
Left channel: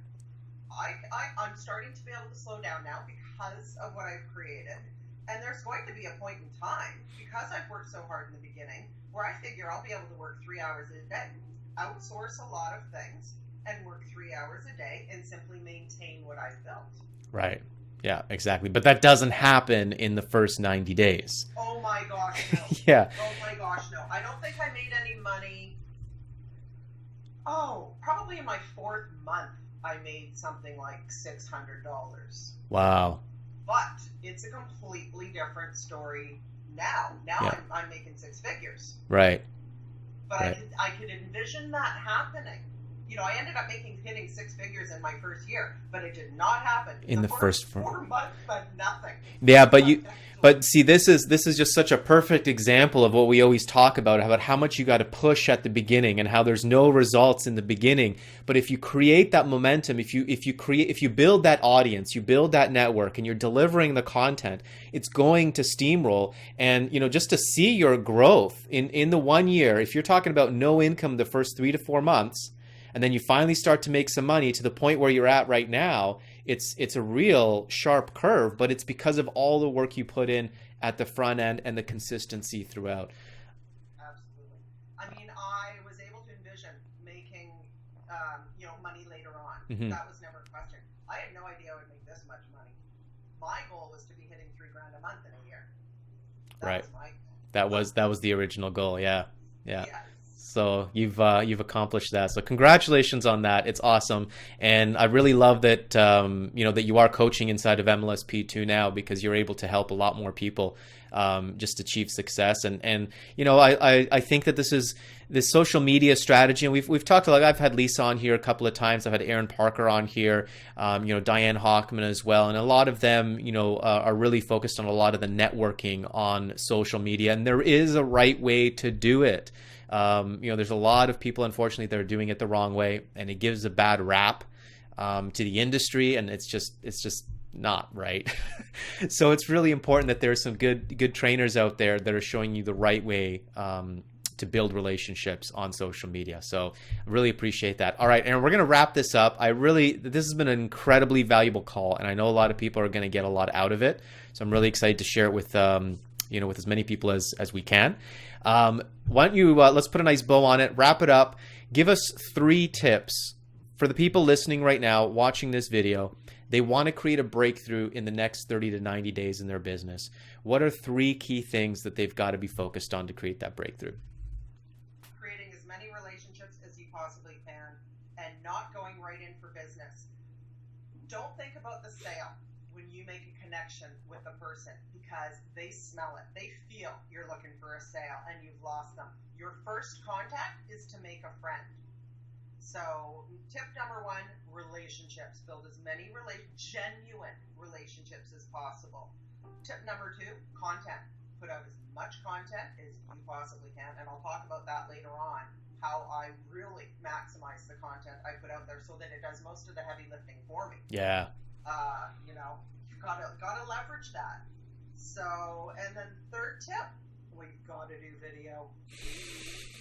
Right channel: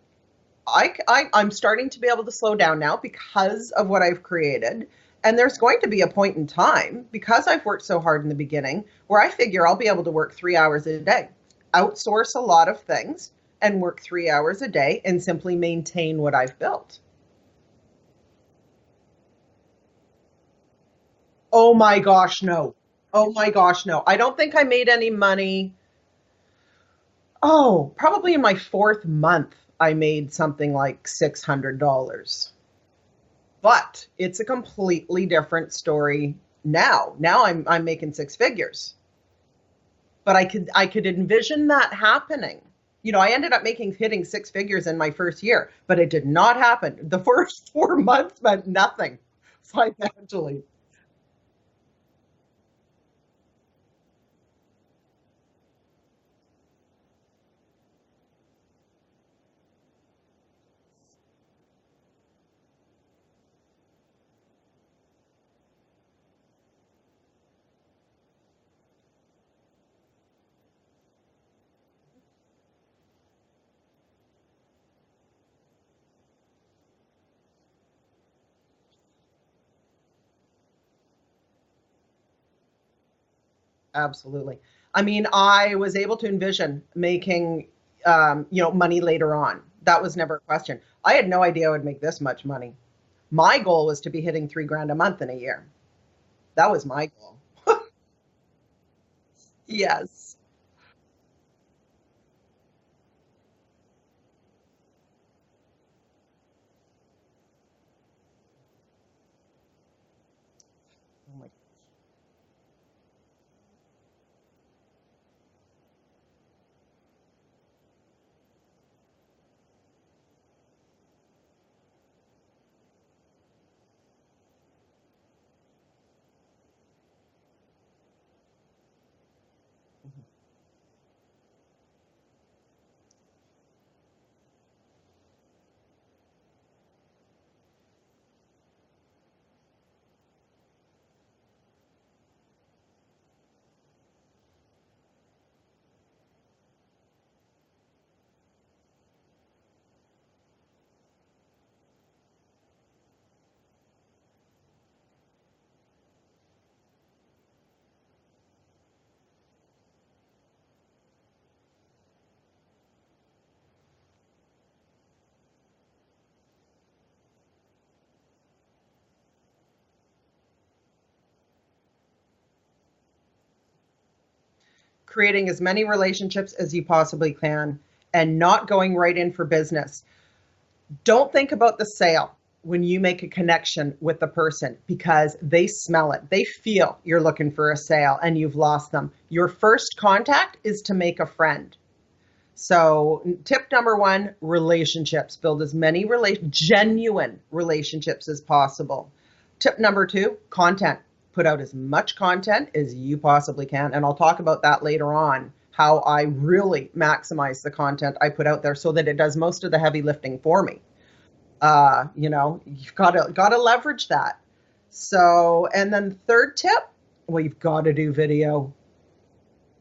I'm starting to be able to slow down now because of what I've created. And there's going to be a point in time, because I've worked so hard in the beginning, where I figure I'll be able to work 3 hours a day, outsource a lot of things, and work 3 hours a day and simply maintain what I've built. Right. Yeah, exactly. But that doesn't happen in the first 90 days. Oh my gosh, no. Yeah. Oh my gosh, no. I don't think I made any money. Oh, probably in my 4th month, I made something like $600. Wow. But it's a completely different story now. Now I'm making 6 figures. Right. But I could envision that happening. I ended up hitting 6 figures in my first year, but it did not happen. The first 4 months meant nothing. Yeah, but see, this is just such a perfect example of what we always talk about how much you got to push at the beginning and how there's no results in the beginning. But if you create that momentum, if you build that audience, you build that network, and you're delivering the content, it's going to steamroll. And just to see your growth in the 1 year, if you're talking about no income the first 3 to 4 months, and then you finally start to make some money to the point where you're at right now, it's a real sharp curve, but it's because of all the work you put in at the front end and the consistency throughout. Absolutely. I mean, I was able to envision making, money later on. That was never a question. I had no idea I would make this much money. My goal was to be hitting $3,000 a month in a year. That was my goal. That was the original goal. Yeah. Yeah. Yes. So you've accomplished that. So congratulations on that. It's awesome. And I really love that, that you are coaching inside of MLSP too now, because you're able to help a lot more people just achieve success. And I think that this social media strategy, and we've talked a lot. I've had Lisa on here a couple of times. I've had Erin Parker on here, Diane Hockman as well. And a lot of them, are really focused on a lot of the networking on social media. And there is a right way to do it. There's a lot of people, unfortunately, that are doing it the wrong way, and it gives a bad rap to the industry, and it's just not right. So it's really important that there's some good trainers out there that are showing you the right way to build relationships on social media. So I really appreciate that. All right, Erin, we're going to wrap this up. This has been an incredibly valuable call, and I know a lot of people are going to get a lot out of it. So I'm really excited to share it with with as many people as we can. Why don't you let's put a nice bow on it, wrap it up. Give us 3 tips for the people listening right now, watching this video. They want to create a breakthrough in the next 30 to 90 days in their business. What are 3 key things that they've got to be focused on to create that breakthrough? Creating as many relationships as you possibly can and not going right in for business. Don't think about the sale when you make a connection with the person, because they smell it. They feel you're looking for a sale and you've lost them. Your first contact is to make a friend. So tip number 1, relationships. Build as many genuine relationships as possible. Tip number 2, content. Put out as much content as you possibly can. And I'll talk about that later on, how I really maximize the content I put out there so that it does most of the heavy lifting for me. Yeah. You've got to leverage that. So, and then third tip, well, you've got to do video.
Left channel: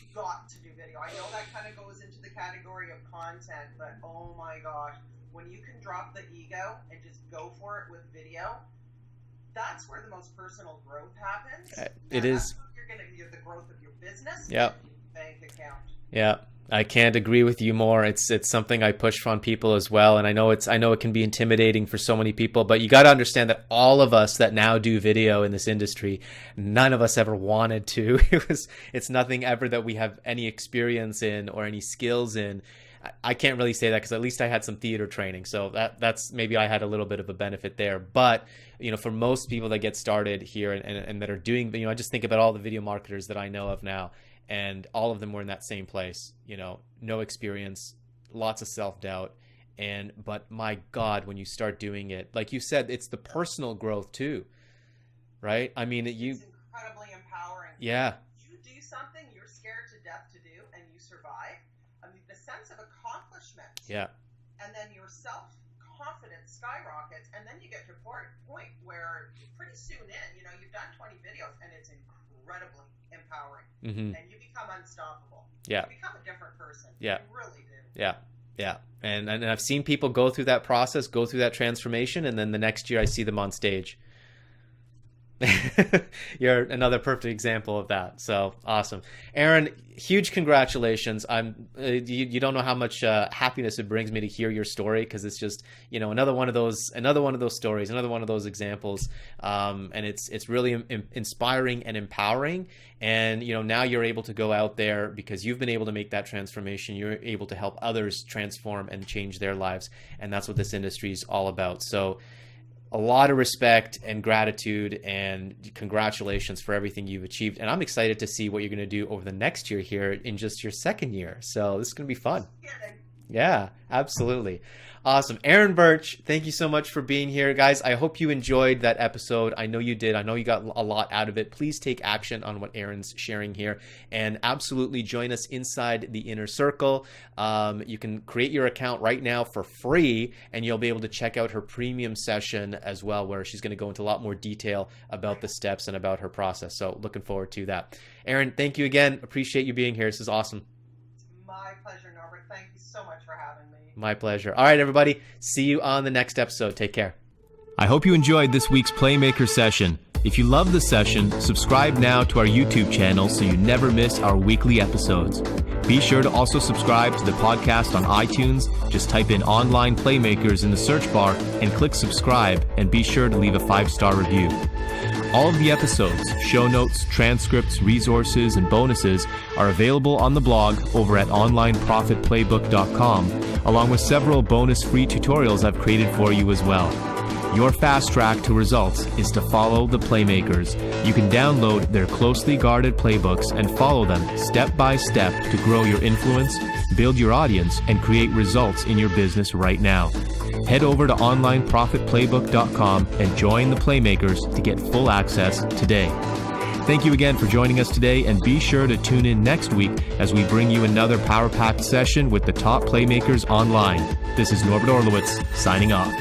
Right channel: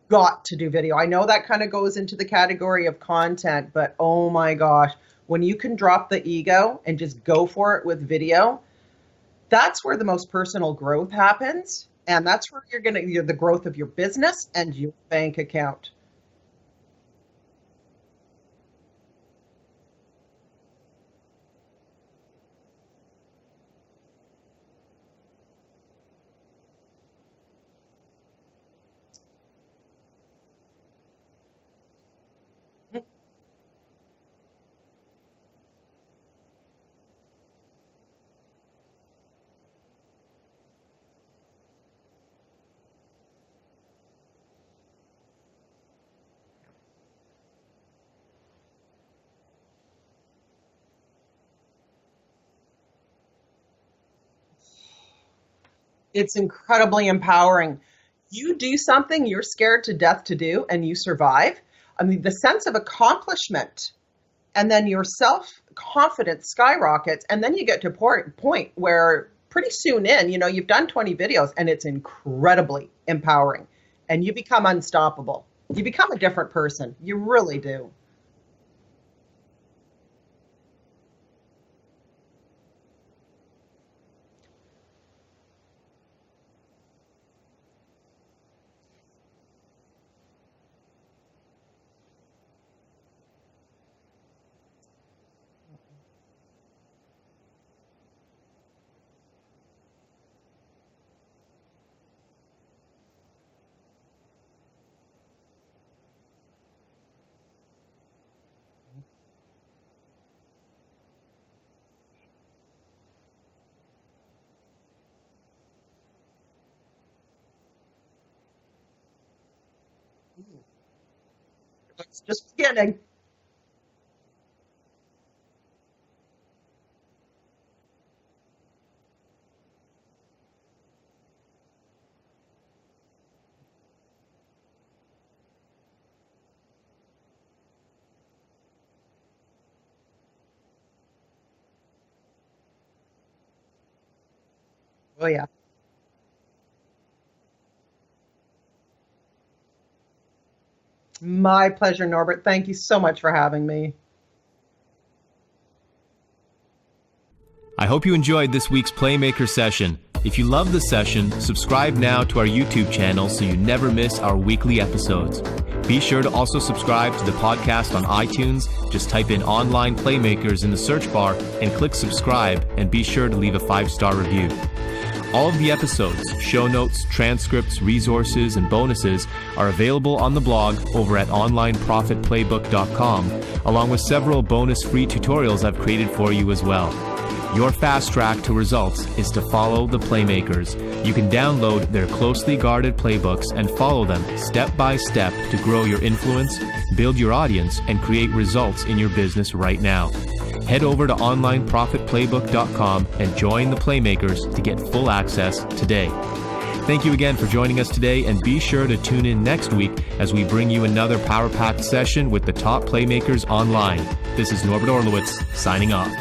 Got to do video. I know that kind of goes into the category of content, but oh my gosh, when you can drop the ego and just go for it with video, that's where the most personal growth happens. And that's where you're the growth of your business and your bank account. Yeah. I can't agree with you more. It's something I push on people as well. And I know it can be intimidating for so many people, but you got to understand that all of us that now do video in this industry, none of us ever wanted to. It's nothing ever that we have any experience in or any skills in. I can't really say that because at least I had some theater training. So that's maybe I had a little bit of a benefit there. But for most people that get started here and that are doing, I just think about all the video marketers that I know of now. And all of them were in that same place, no experience, lots of self-doubt. But my God, when you start doing it, like you said, it's the personal growth too, right? I mean, it's incredibly empowering. Yeah. You do something you're scared to death to do and you survive. I mean, the sense of accomplishment. Yeah. And then your self-confidence skyrockets. And then you get to a point where pretty soon you've done 20 videos and it's incredibly empowering. Mm-hmm. And you become unstoppable. Yeah. You become a different person. Yeah. You really do. Yeah. Yeah. And I've seen people go through that process, go through that transformation. And then the next year I see them on stage. You're another perfect example of that. So awesome. Erin, huge congratulations. You don't know how much happiness it brings me to hear your story, because it's just, another one of those stories, another one of those examples. And it's really inspiring and empowering. And, now you're able to go out there because you've been able to make that transformation. You're able to help others transform and change their lives. And that's what this industry is all about. So a lot of respect and gratitude and congratulations for everything you've achieved. And I'm excited to see what you're going to do over the next year here in just your second year. So this is going to be fun. Just kidding. Yeah, absolutely. Awesome. Erin Birch, thank you so much for being here. Guys, I hope you enjoyed that episode. I know you did. I know you got a lot out of it. Please take action on what Erin's sharing here and absolutely join us inside the inner circle. You can create your account right now for free, and you'll be able to check out her premium session as well, where she's going to go into a lot more detail about the steps and about her process. So looking forward to that. Erin, thank you again. Appreciate you being here. This is awesome. My pleasure, Norbert. Thank you so much for having me. My pleasure. All right, everybody. See you on the next episode. Take care. I hope you enjoyed this week's Playmaker session. If you love the session, subscribe now to our YouTube channel so you never miss our weekly episodes. Be sure to also subscribe to the podcast on iTunes. Just type in Online Playmakers in the search bar and click subscribe, and be sure to leave a 5-star review. All of the episodes, show notes, transcripts, resources, and bonuses are available on the blog over at onlineprofitplaybook.com, along with several bonus free tutorials I've created for you as well. Your fast track to results is to follow the Playmakers. You can download their closely guarded playbooks and follow them step by step to grow your influence, build your audience, and create results in your business right now. Head over to onlineprofitplaybook.com and join the Playmakers to get full access today. Thank you again for joining us today, and be sure to tune in next week as we bring you another power-packed session with the top Playmakers online. This is Norbert Orlowitz, signing off.